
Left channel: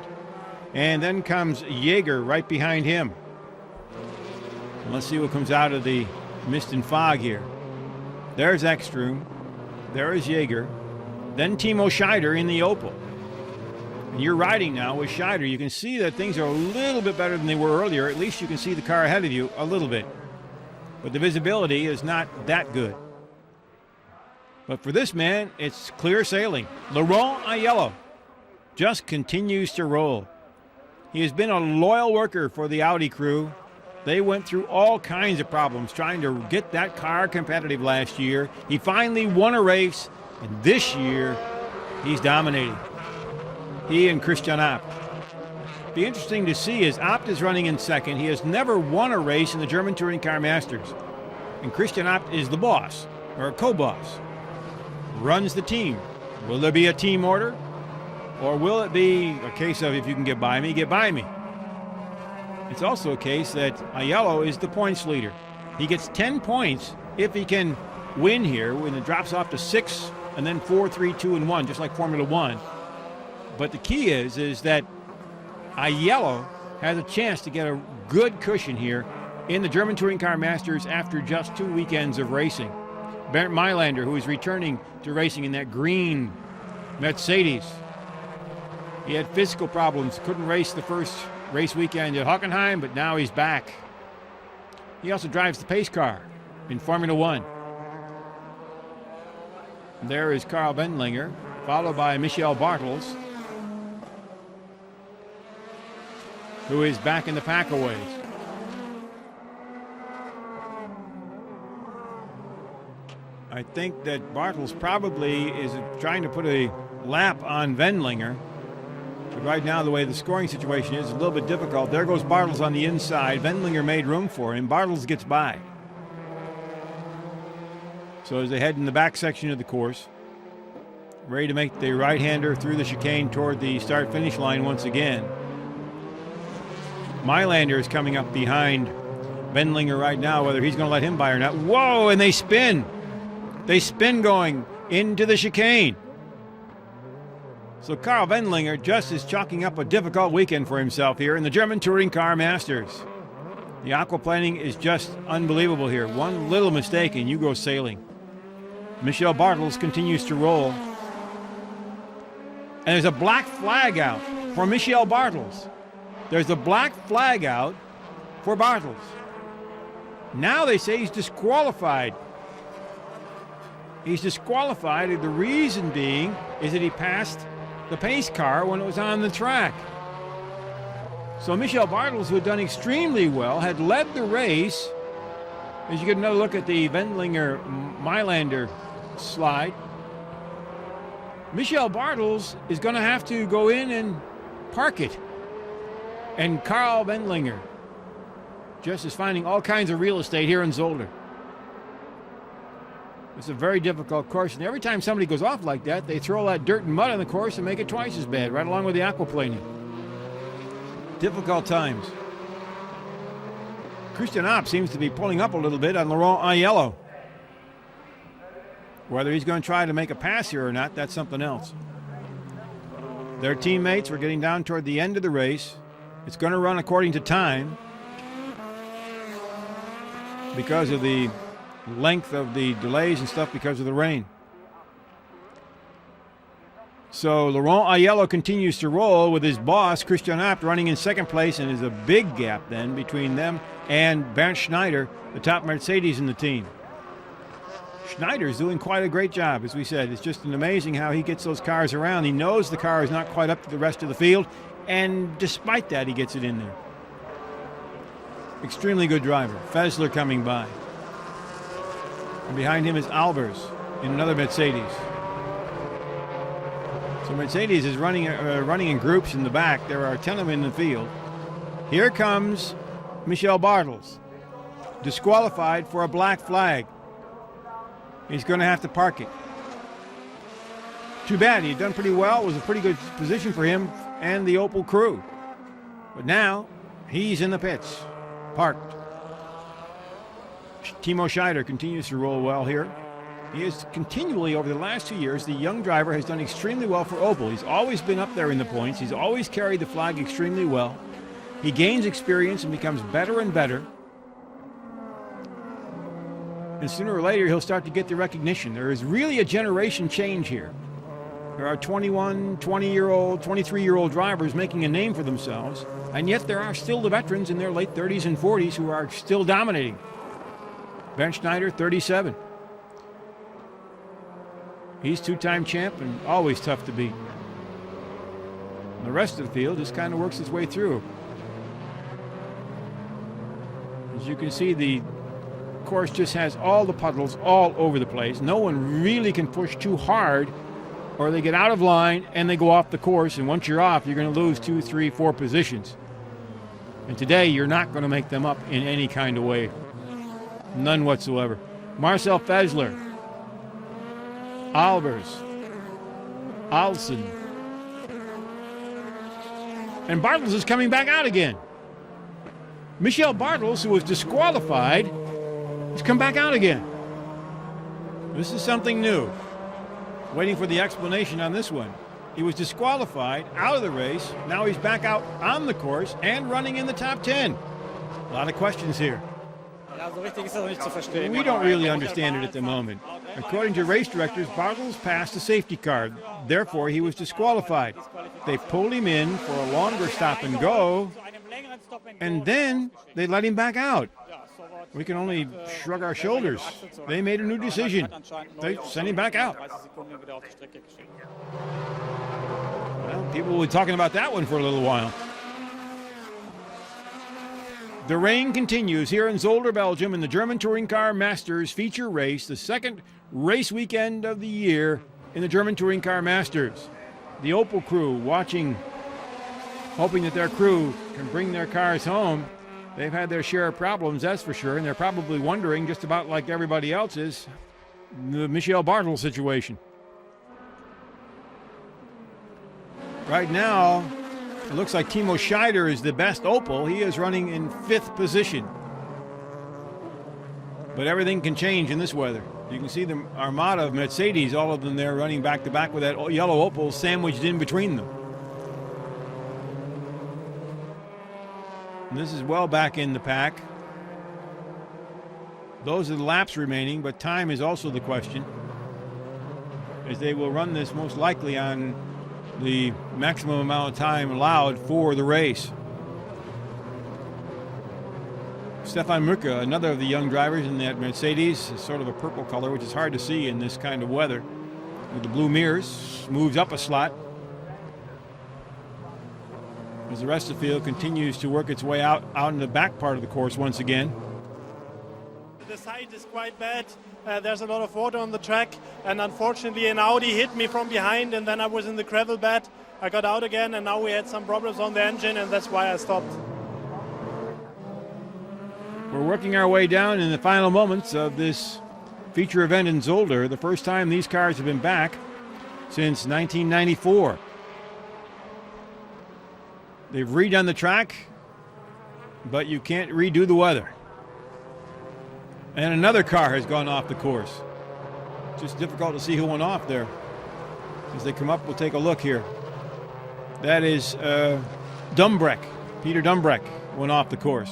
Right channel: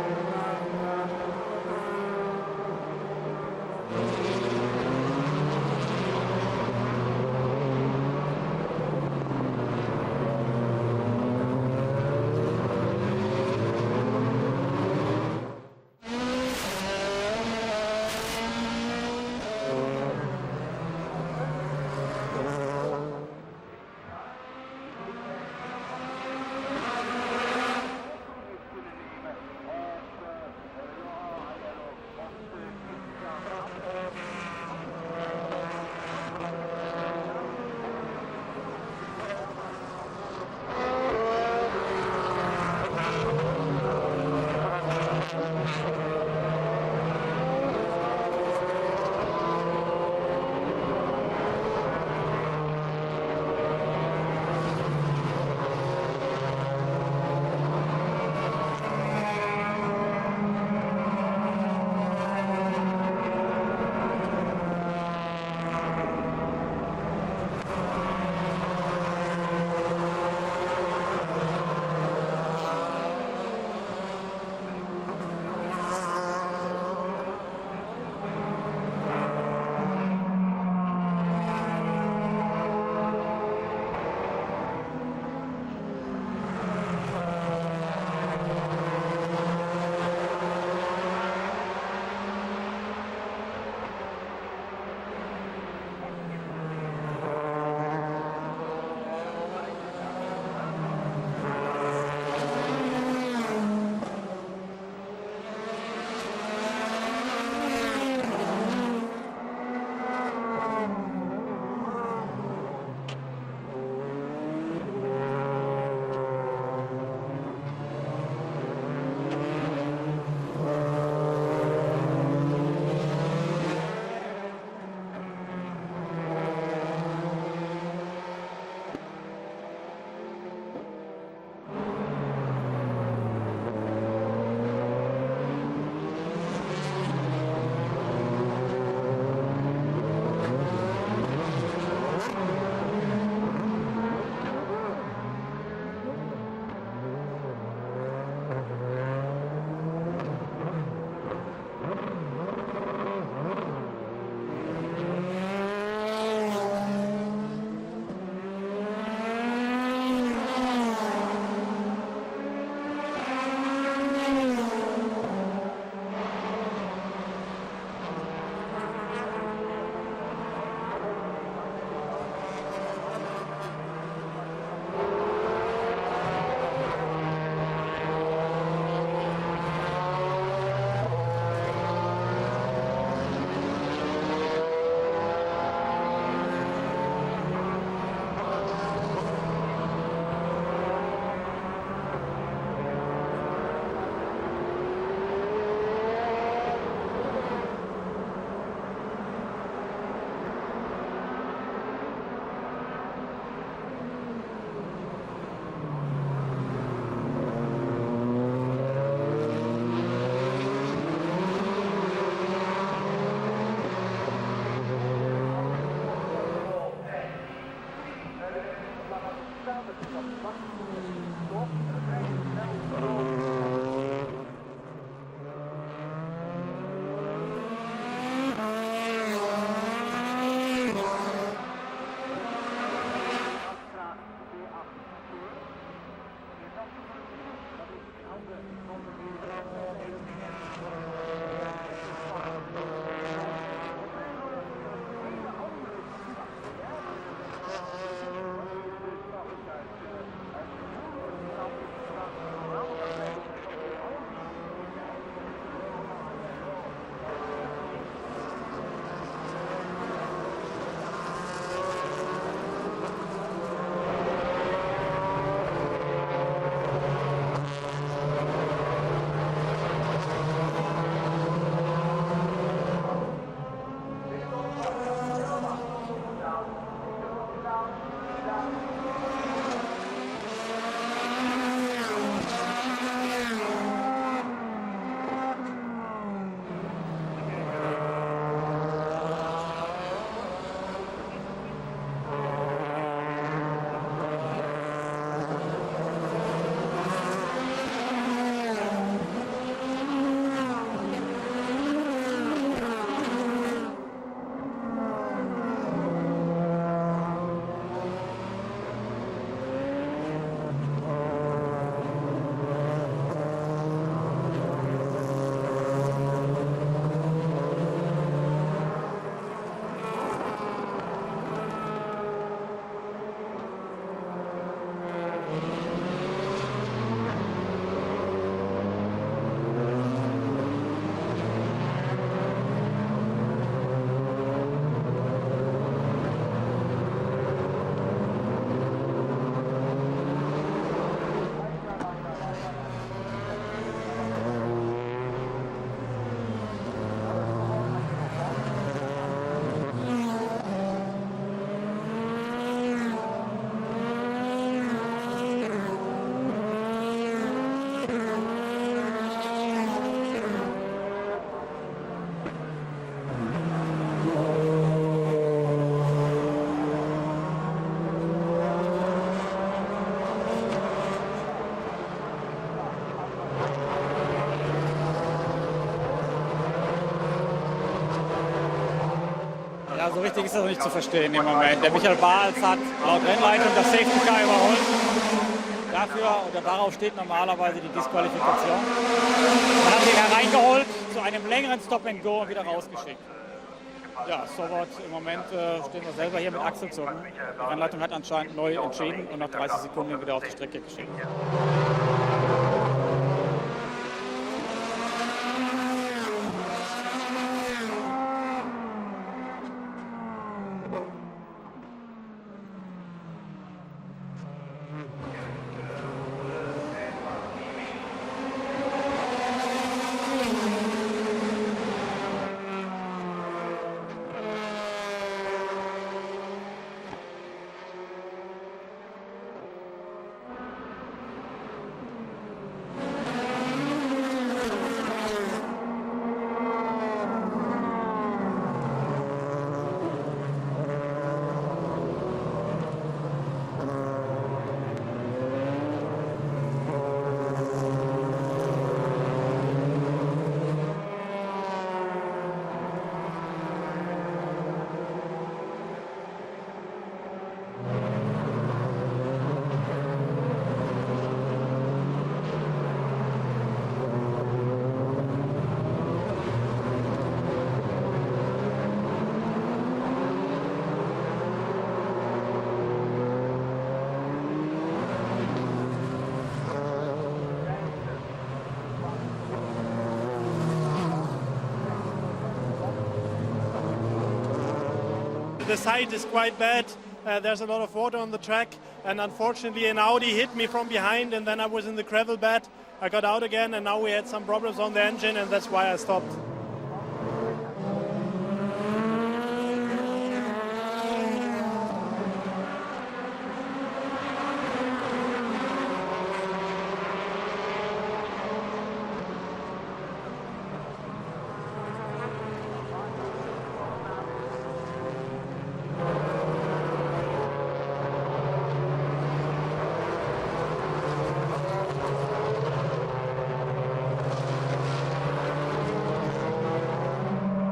And then comes Jaeger right behind him. Let's see what comes out of the mist and fog here. There's Ekstrom. There is Jaeger. Then Timo Scheider in the Opel. You're riding now with Schneider. You can see that things are a little bit better than they were earlier. At least you can see the car ahead of you a little bit. But the visibility is not that good. But for this man, it's clear sailing. Laurent Aiello just continues to roll. He has been a loyal worker for the Audi crew. They went through all kinds of problems trying to get that car competitive last year. He finally won a race, and this year, he's dominating. He and Christian Abt. Be interesting to see as Abt is running in second. He has never won a race in the German Touring Car Masters. And Christian Abt is the boss, or a co-boss. Runs the team. Will there be a team order? Or will it be a case of if you can get by me, get by me? It's also a case that Aiello is the points leader. He gets 10 points if he can win here, when it drops off to 6 and then 4, 3, 2, and 1, just like Formula One. But the key is that Aiello has a chance to get a good cushion here in the German Touring Car Masters after just 2 weekends of racing. Bernd Mailander, who is returning to racing in that green Mercedes. He had physical problems, couldn't race the first race weekend at Hockenheim, but now he's back. He also drives the pace car in Formula One. There is Karl Wendlinger, followed by Michel Bartels, who is back in the pack order. I think that Bartels probably is trying to put a lap on Wendlinger. But right now, the way the scoring situation is a little bit difficult. There goes Bartels on the inside. Wendlinger made room for him. Bartels gets by. So as they head in the back section of the course, ready to make the right-hander through the chicane toward the start-finish line once again. Mailander is coming up behind Wendlinger right now, whether he's going to let him by or not. Whoa, and they spin. They spin going into the chicane. So Karl Wendlinger just is chalking up a difficult weekend for himself here in the German Touring Car Masters. The aquaplaning is just unbelievable here. One little mistake and you go sailing. Michel Bartels continues to roll. And there's a black flag out for Michel Bartels. There's a black flag out for Bartels. Now they say he's disqualified. He's disqualified, and the reason being is that he passed the pace car when it was on the track. So Michel Bartels, who had done extremely well, had led the race. As you get another look at the Wendlinger-Mailander slide, Michel Bartels is going to have to go in and park it. And Karl Wendlinger just is finding all kinds of real estate here in Zolder. It's a very difficult course, and every time somebody goes off like that, they throw that dirt and mud on the course and make it twice as bad, right along with the aquaplaning. Difficult times. Christian Abt seems to be pulling up a little bit on Laurent Aiello. Whether he's going to try to make a pass here or not, that's something else. Their teammates were getting down toward the end of the race. It's going to run according to time because of the length of the delays and stuff because of the rain. So Laurent Aiello continues to roll with his boss, Christian Abt, running in second place, and there's a big gap then between them and Bernd Schneider, the top Mercedes in the team. Schneider's doing quite a great job, as we said. It's just amazing how he gets those cars around. He knows the car is not quite up to the rest of the field, and despite that, he gets it in there. Extremely good driver. Fessler coming by. And behind him is Albers in another Mercedes. So Mercedes is running in groups in the back. There are 10 of them in the field. Here comes Michel Bartels, disqualified for a black flag. He's going to have to park it. Too bad. He'd done pretty well. It was a pretty good position for him and the Opel crew. But now, he's in the pits, parked. Timo Schneider continues to roll well here. He is continually, over the last 2 years, the young driver has done extremely well for Opel. He's always been up there in the points. He's always carried the flag extremely well. He gains experience and becomes better and better. And sooner or later, he'll start to get the recognition. There is really a generation change here. There are 21, 20-year-old, 23-year-old drivers making a name for themselves, and yet there are still the veterans in their late 30s and 40s who are still dominating. Bernd Schneider, 37. He's two-time champ and always tough to beat. The rest of the field just kind of works its way through. As you can see, the course just has all the puddles all over the place. No one really can push too hard, or they get out of line and they go off the course, and once you're off, you're going to lose 2, 3, 4 positions. And today, you're not going to make them up in any kind of way. None whatsoever. Marcel Fessler, Albers, Alsen, and Bartels is coming back out again. Michel Bartels, who was disqualified, has come back out again. This is something new. Waiting for the explanation on this one. He was disqualified out of the race. Now he's back out on the course and running in the top 10. A lot of questions here. Ja, so richtig ist das nicht zu verstehen. We don't really understand it at the moment. The race director passed the safety car. Therefore, he was disqualified. They pulled him in and then they let him back out. We can only shrug our shoulders. They made a new decision. They sent him back out. People will be talking about that one for a little while. The rain continues here in Zolder, Belgium, in the German Touring Car Masters feature race, the second race weekend of the year in the German Touring Car Masters. The Opel crew watching, hoping that their crew can bring their cars home. They've had their share of problems, that's for sure, and they're probably wondering, just about like everybody else is, the Michel Bartels situation. Right now, it looks like Timo Schneider is the best Opel. He is running in 5th position. But everything can change in this weather. You can see the armada of Mercedes, all of them there running back to back with that yellow Opel sandwiched in between them. And this is well back in the pack. Those are the laps remaining, but time is also the question, as they will run this most likely on the maximum amount of time allowed for the race. Stefan Mirko, another of the young drivers in that Mercedes, sort of a purple color, which is hard to see in this kind of weather. The blue mirrors, moves up a slot. As the rest of the field continues to work its way out in the back part of the course once again. The side is quite bad. There's a lot of water on the track, and unfortunately an Audi hit me from behind, and then I was in the gravel bed. I got out again, and now we had some problems on the engine, and that's why I stopped. We're working our way down in the final moments of this feature event in Zolder, the first time these cars have been back since 1994. They've redone the track, but you can't redo the weather. And another car has gone off the course. It's just difficult to see who went off there. As they come up, we'll take a look here. That is Dumbreck. Peter Dumbreck went off the course.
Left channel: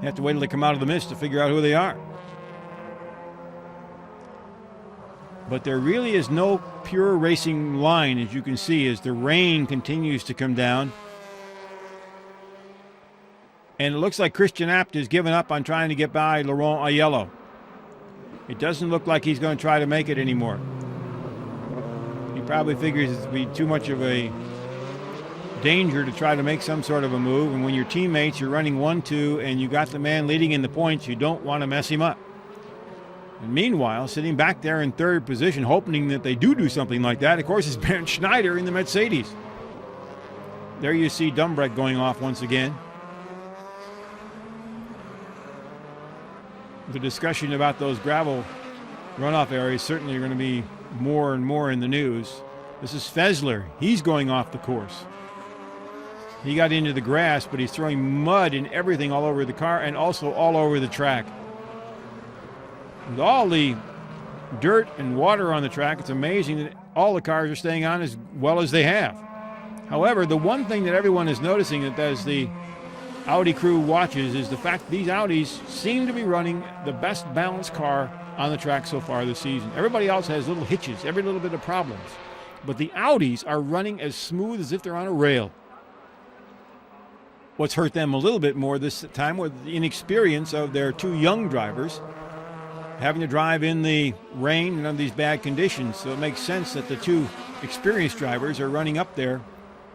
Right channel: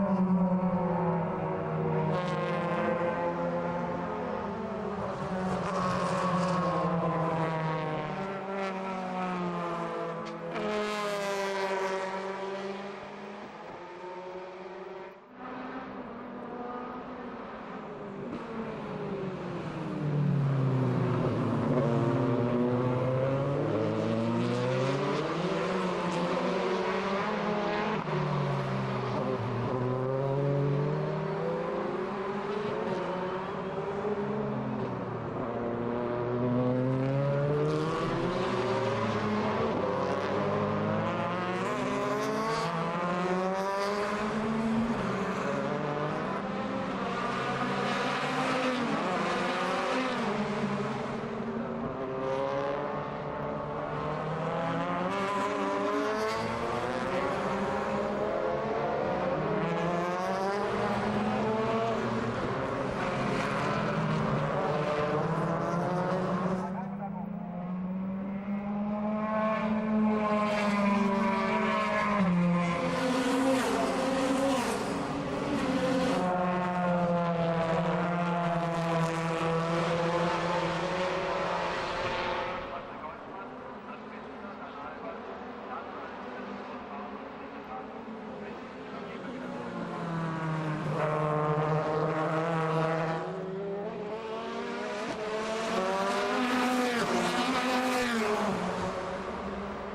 You have to wait till they come out of the mist to figure out who they are. But there really is no pure racing line, as you can see, as the rain continues to come down. And it looks like Christian Abt has given up on trying to get by Laurent Aiello. It doesn't look like he's going to try to make it anymore. He probably figures it would be too much of a danger to try to make some sort of a move. And when your teammates are running 1-2 and you got the man leading in the points, you don't want to mess him up. And meanwhile, sitting back there in 3rd position, hoping that they do something like that, of course, is Bernd Schneider in the Mercedes. There you see Dumbreck going off once again. The discussion about those gravel runoff areas certainly are going to be more and more in the news. This is Fessler. He's going off the course. He got into the grass, but he's throwing mud and everything all over the car and also all over the track. With all the dirt and water on the track, it's amazing that all the cars are staying on as well as they have. However, the one thing that everyone is noticing as the Audi crew watches is the fact that these Audis seem to be running the best balanced car on the track so far this season. Everybody else has little hitches, every little bit of problems. But the Audis are running as smooth as if they're on a rail. What's hurt them a little bit more this time was the inexperience of their two young drivers having to drive in the rain and under these bad conditions. So it makes sense that the two experienced drivers are running up there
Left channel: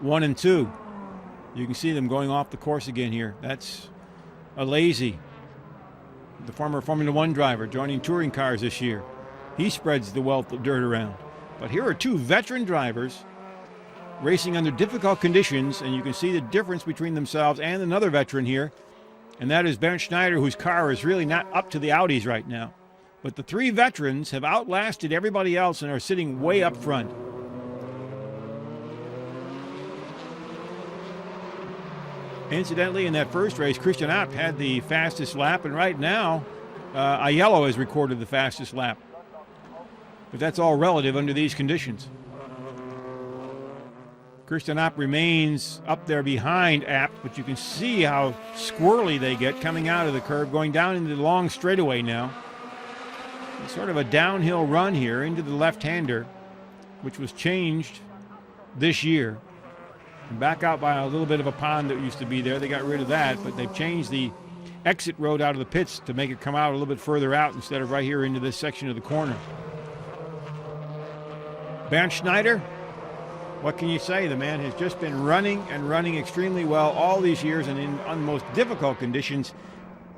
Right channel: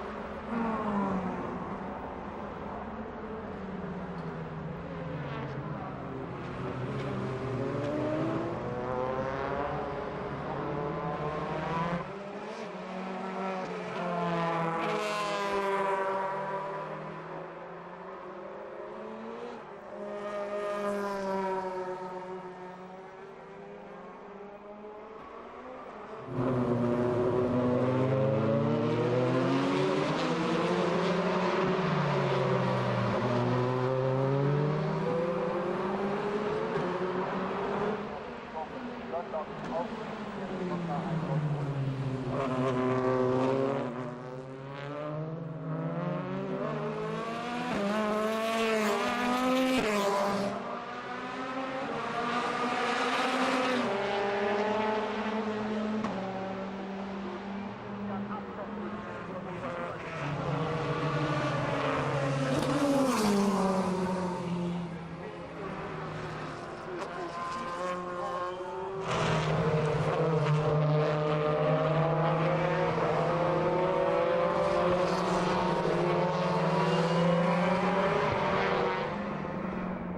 1 and 2. You can see them going off the course again here. That's Alesi, the former Formula One driver, joining touring cars this year. He spreads the wealth of dirt around. But here are two veteran drivers racing under difficult conditions, and you can see the difference between themselves and another veteran here, and that is Bernd Schneider, whose car is really not up to the Audis right now. But the three veterans have outlasted everybody else and are sitting way up front. Incidentally, in that first race, Christian Abt had the fastest lap, and right now, Aiello has recorded the fastest lap. But that's all relative under these conditions. Christian Abt remains up there behind Abt, but you can see how squirrely they get coming out of the curve, going down into the long straightaway now. It's sort of a downhill run here into the left-hander, which was changed this year. Back out by a little bit of a pond that used to be there. They got rid of that, but they've changed the exit road out of the pits to make it come out a little bit further out instead of right here into this section of the corner. Bernd Schneider, what can you say? The man has just been running and running extremely well all these years, and on the most difficult conditions.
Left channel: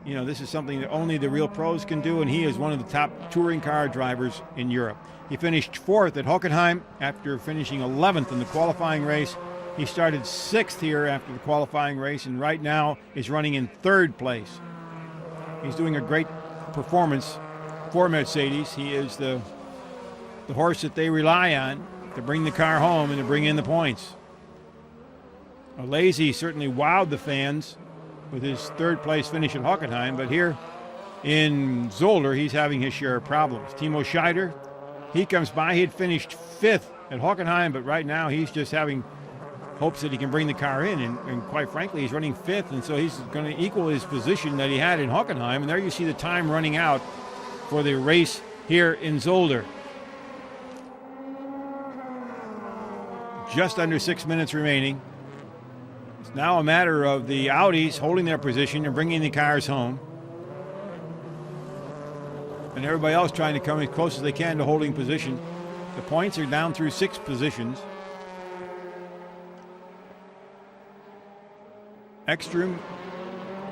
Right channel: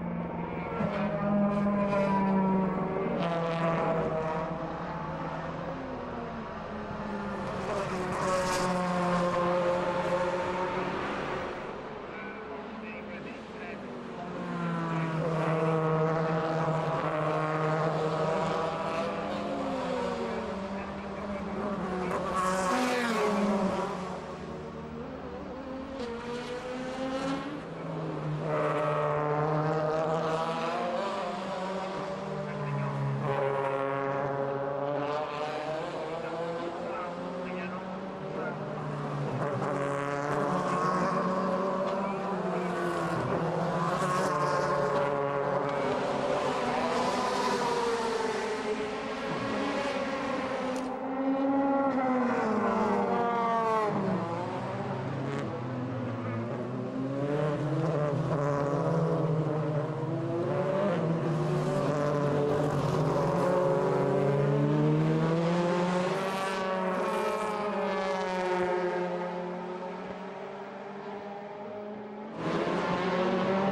You know, this is something that only the real pros can do, and he is one of the top touring car drivers in Europe. He finished 4th at Hockenheim after finishing 11th in the qualifying race. He started 6th here after the qualifying race, and right now is running in 3rd place. He's doing a great performance for Mercedes. He is the horse that they rely on to bring the car home and to bring in the points. Alesi certainly wowed the fans with his 3rd place finish at Hockenheim, but here in Zolder, he's having his share of problems. Timo Scheider, he comes by. He had finished 5th at Hockenheim, but right now he's just having hopes that he can bring the car in, and quite frankly, he's running 5th, and so he's going to equal his position that he had in Hockenheim, and there you see the time running out for the race here in Zolder. Just under 6 minutes remaining. It's now a matter of the Audis holding their position and bringing the cars home, and everybody else trying to come as close as they can to holding position. The points are down through 6 positions. Ekstrom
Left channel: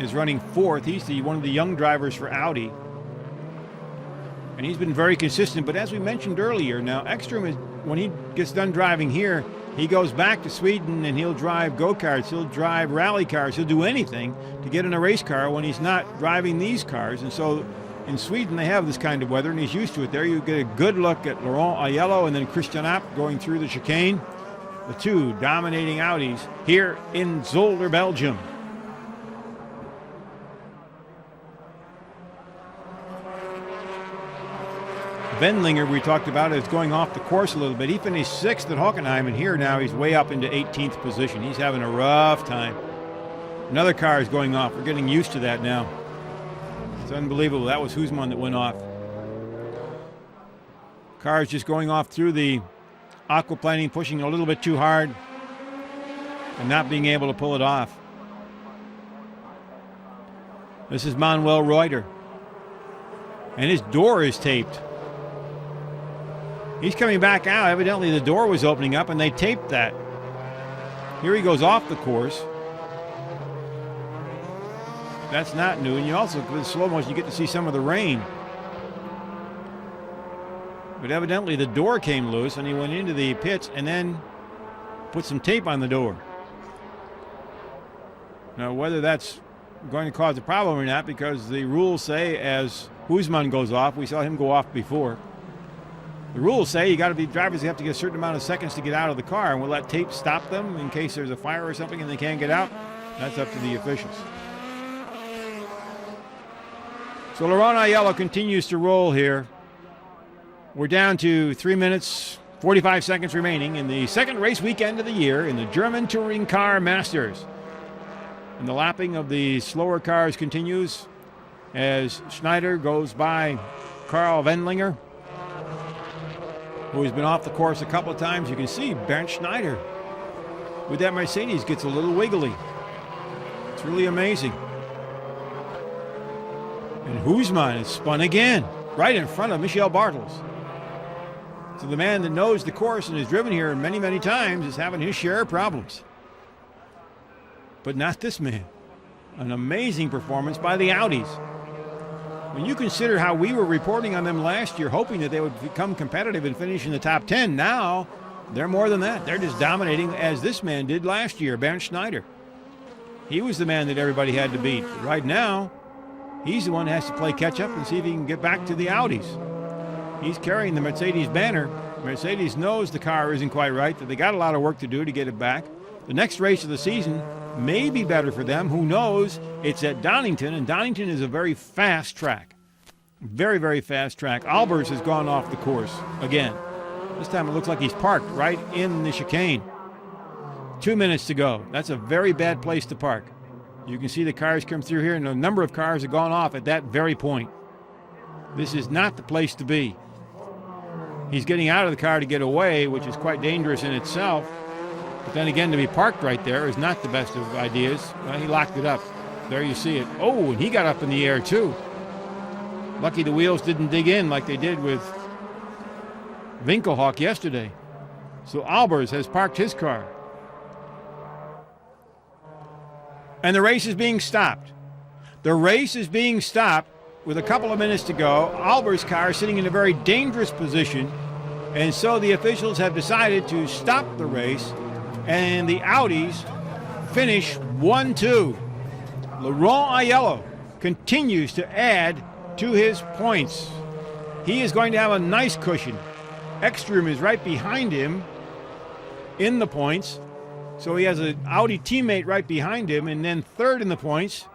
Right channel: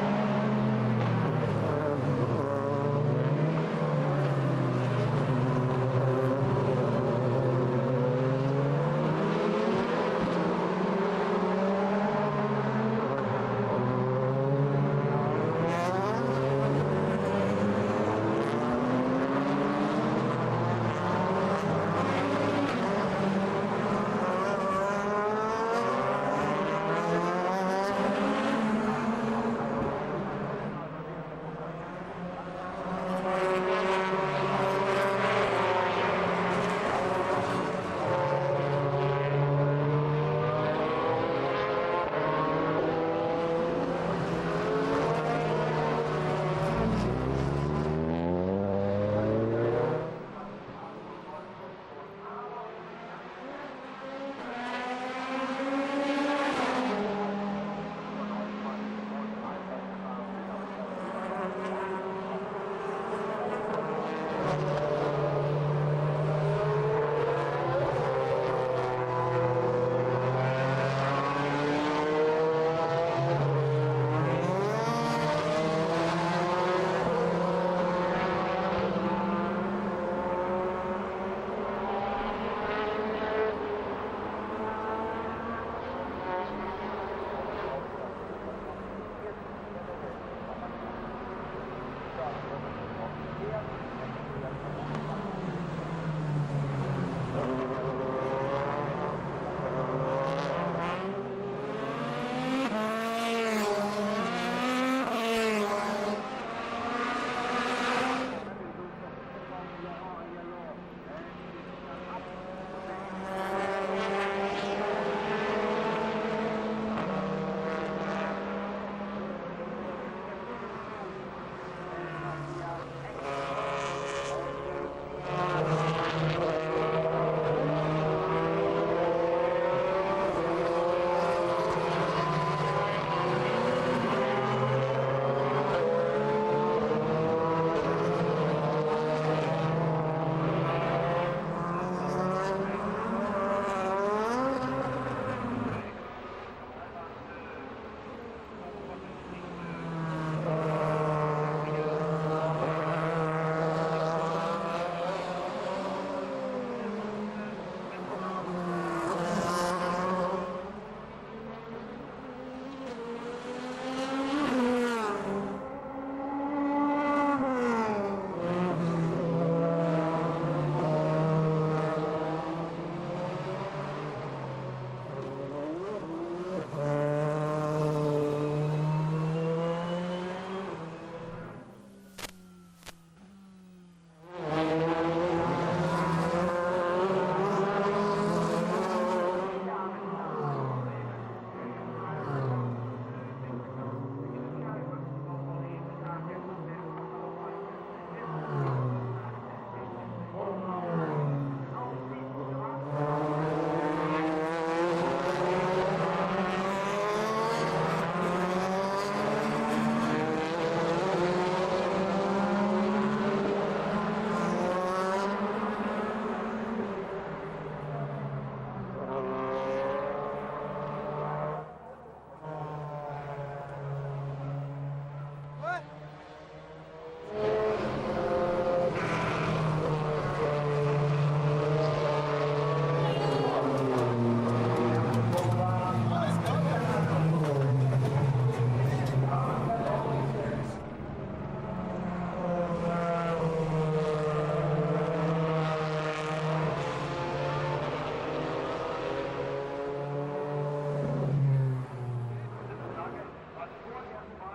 is running 4th. He's one of the young drivers for Audi, and he's been very consistent. But as we mentioned earlier, now Ekstrom, when he gets done driving here, he goes back to Sweden and he'll drive go-karts, he'll drive rally cars, he'll do anything to get in a race car when he's not driving these cars. And so in Sweden they have this kind of weather, and he's used to it. There you get a good look at Laurent Aiello and then Christian Abt going through the chicane. The two dominating Audis here in Zolder, Belgium. Wendlinger, we talked about, is going off the course a little bit. He finished 6th at Hockenheim, and here now he's way up into 18th position. He's having a rough time. Another car is going off. We're getting used to that now. It's unbelievable. That was Husmann that went off. Car is just going off through the aquaplaning, pushing a little bit too hard and not being able to pull it off. This is Manuel Reuter, and his door is taped. He's coming back out. Evidently the door was opening up and they taped that. Here he goes off the course. That's not new. And you also, for the slow motion, you get to see some of the rain. But evidently the door came loose and he went into the pits and then put some tape on the door. Now whether that's going to cause a problem or not, because the rules say as Husmann goes off, we saw him go off before. The rules say drivers have to get a certain amount of seconds to get out of the car, and will that tape stop them in case there's a fire or something and they can't get out? That's up to the officials. So Laurent Aiello continues to roll here. We're down to 3 minutes, 45 seconds remaining in the second race weekend of the year in the German Touring Car Masters. And the lapping of the slower cars continues as Schneider goes by Karl Wendlinger, who has been off the course a couple of times. You can see Bernd Schneider with that Mercedes gets a little wiggly. It's really amazing. And Husmann is spun again, right in front of Michel Bartels. So the man that knows the course and has driven here many, many times is having his share of problems. But not this man. An amazing performance by the Audis. When you consider how we were reporting on them last year, hoping that they would become competitive and finish in the top 10, now they're more than that. They're just dominating as this man did last year, Bernd Schneider. He was the man that everybody had to beat. Right now, he's the one that has to play catch up and see if he can get back to the Audis. He's carrying the Mercedes banner. Mercedes knows the car isn't quite right, that they got a lot of work to do to get it back. The next race of the season may be better for them. Who knows? It's at Donington, and Donington is a very fast track. Very, very fast track. Albers has gone off the course again. This time it looks like he's parked right in the chicane. 2 minutes to go. That's a very bad place to park. You can see the cars come through here, and a number of cars have gone off at that very point. This is not the place to be. He's getting out of the car to get away, which is quite dangerous in itself. But then again, to be parked right there is not the best of ideas. Well, he locked it up. There you see it. Oh, and he got up in the air too. Lucky the wheels didn't dig in like they did with Winkelhock yesterday. So Albers has parked his car. And the race is being stopped. The race is being stopped with a couple of minutes to go. Albers' car sitting in a very dangerous position. And so the officials have decided to stop the race. And the Audis finish 1-2. Laurent Aiello continues to add to his points. He is going to have a nice cushion. Ekstrom is right behind him in the points. So he has an Audi teammate right behind him, and then third in the points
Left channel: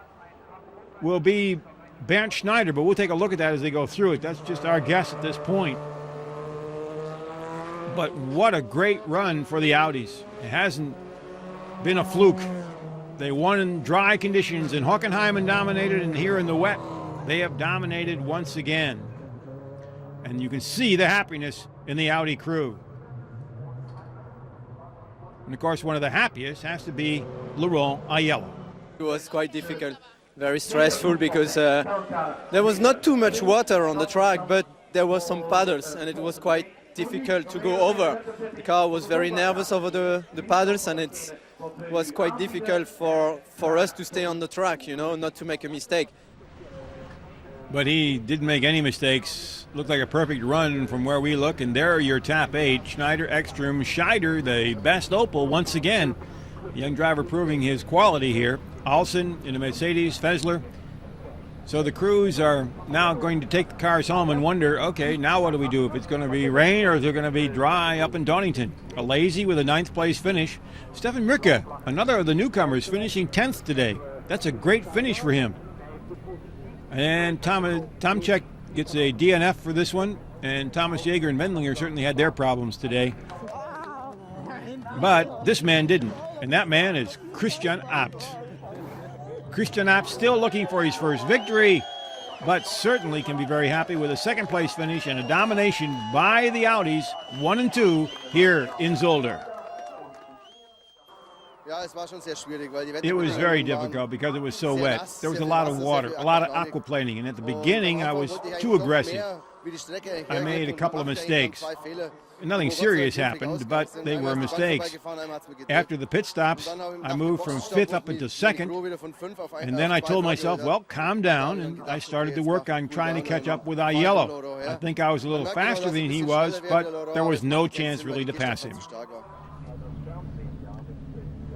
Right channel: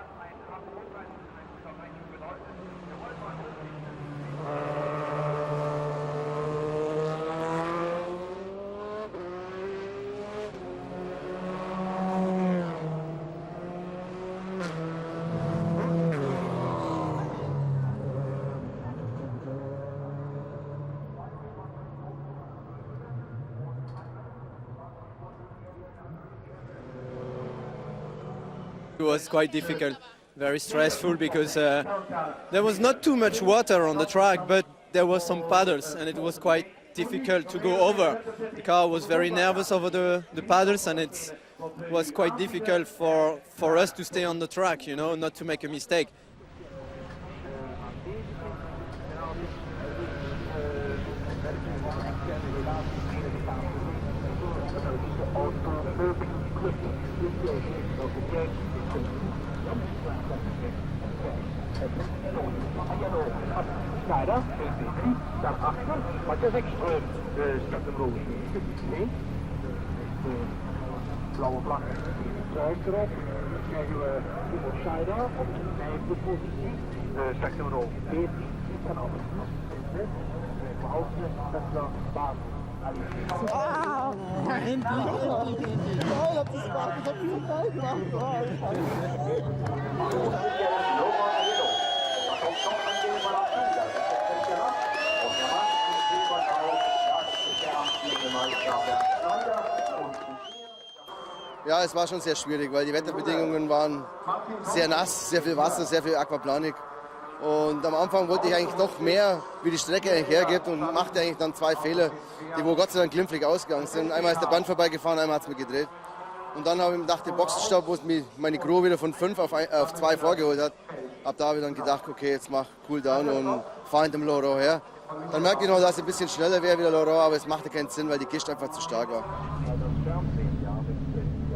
will be Bernd Schneider, but we'll take a look at that as they go through it. That's just our guess at this point. But what a great run for the Audis. It hasn't been a fluke. They won in dry conditions in Hockenheim and dominated, and here in the wet, they have dominated once again. And you can see the happiness in the Audi crew. And of course, one of the happiest has to be Laurent Aiello. It was quite difficult, very stressful, because there was not too much water on the track, but there was some paddles, and it was quite difficult to go over. The car was very nervous over the paddles, and it was quite difficult for us to stay on the track, you know, not to make a mistake. But he didn't make any mistakes. Looked like a perfect run from where we look, and there are your top 8. Schneider, Ekstrom, Scheider, the best Opel once again. Young driver proving his quality here. Alsen in a Mercedes, Fessler. So the crews are now going to take the cars home and wonder, okay, now what do we do? If it's going to be rain or is it going to be dry up in Donington? A Lazy with a 9th place finish. Stefan Mirko, another of the newcomers, finishing 10th today. That's a great finish for him. And Tomczyk gets a DNF for this one, and Thomas Jaeger and Wendlinger certainly had their problems today. But this man didn't, and that man is Christian Abt. Christian Abt still looking for his first victory, but certainly can be very happy with a 2nd place finish and a domination by the Audis, 1 and 2 here in Zolder. Ja, es war schon sehr schwierig, weil die It was very difficult because it was so wet. There was a lot of water, a lot of aquaplaning, and at the beginning I was too aggressive. I made a couple of mistakes. Nothing serious happened, but they were mistakes. After the pit stops, I moved from 5th up into 2nd, and then I told myself, well, calm down, and I started to work on trying to catch up with Aiello. I think I was a little faster than he was, but there was no chance really to pass him.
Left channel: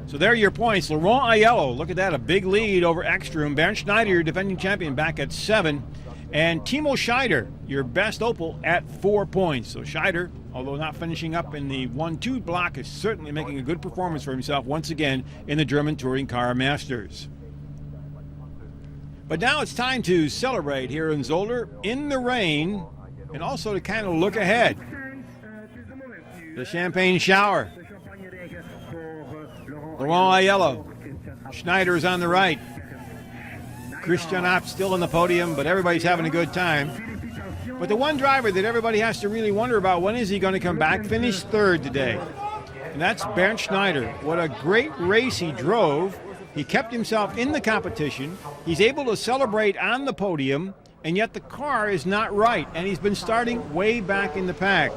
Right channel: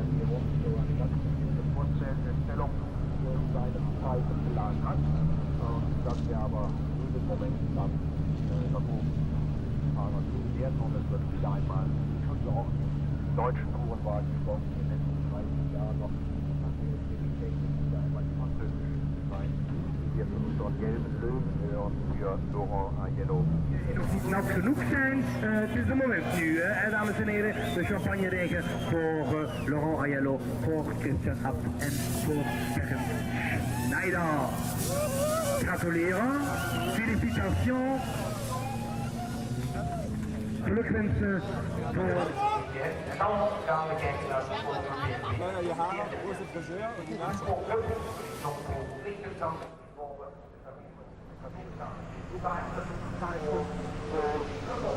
So there are your points. Laurent Aiello, look at that, a big lead over Ekstrom. Bernd Schneider, your defending champion, back at 7. And Timo Schneider, your best Opel, at 4 points. So Schneider, although not finishing up in the 1-2 block, is certainly making a good performance for himself once again in the German Touring Car Masters. But now it's time to celebrate here in Zolder in the rain, and also to kind of look ahead. The champagne shower. Laurent Aiello. Schneider is on the right. Christian Opp still on the podium, but everybody's having a good time. But the one driver that everybody has to really wonder about, when is he going to come back? Finished 3rd today. And that's Bernd Schneider. What a great race he drove. He kept himself in the competition. He's able to celebrate on the podium, and yet the car is not right. And he's been starting way back in the pack.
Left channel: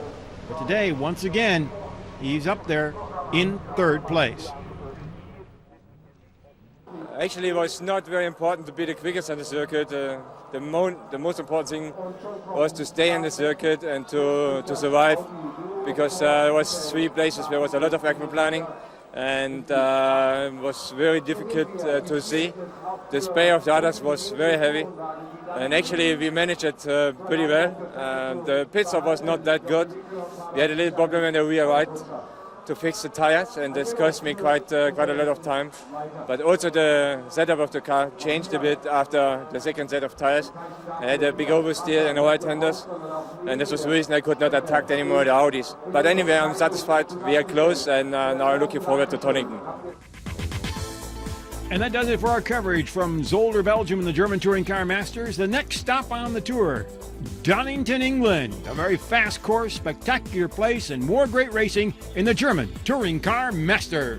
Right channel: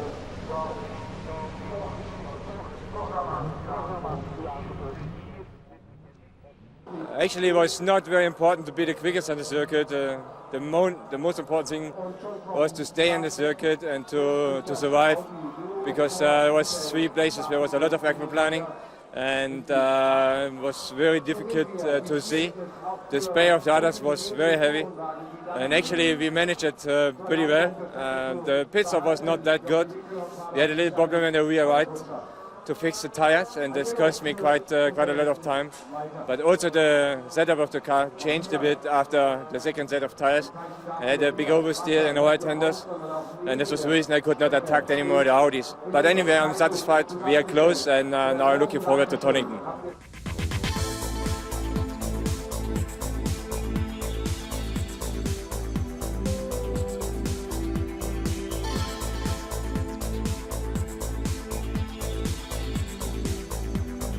But today, once again, he's up there in 3rd place. Actually, it was not very important to be the quickest on the circuit. The most important thing was to stay on the circuit and to survive, because there was 3 places where there was a lot of aquaplaning, and it was very difficult to see. The spray of the others was very heavy, and actually we managed it pretty well. The pit stop was not that good. We had a little problem in the rear right to fix the tires, and this cost me quite a lot of time. But also the setup of the car changed a bit after the second set of tires. I had a big oversteer and right-handers, and this was the reason I could not attack anymore the Audis. But anyway, I'm satisfied. We are close, and now looking forward to Tonington. And that does it for our coverage from Zolder, Belgium, the German Touring Car Masters. The next stop on the tour, Donington, England. A very fast course, spectacular place, and more great racing in the German Touring Car Masters.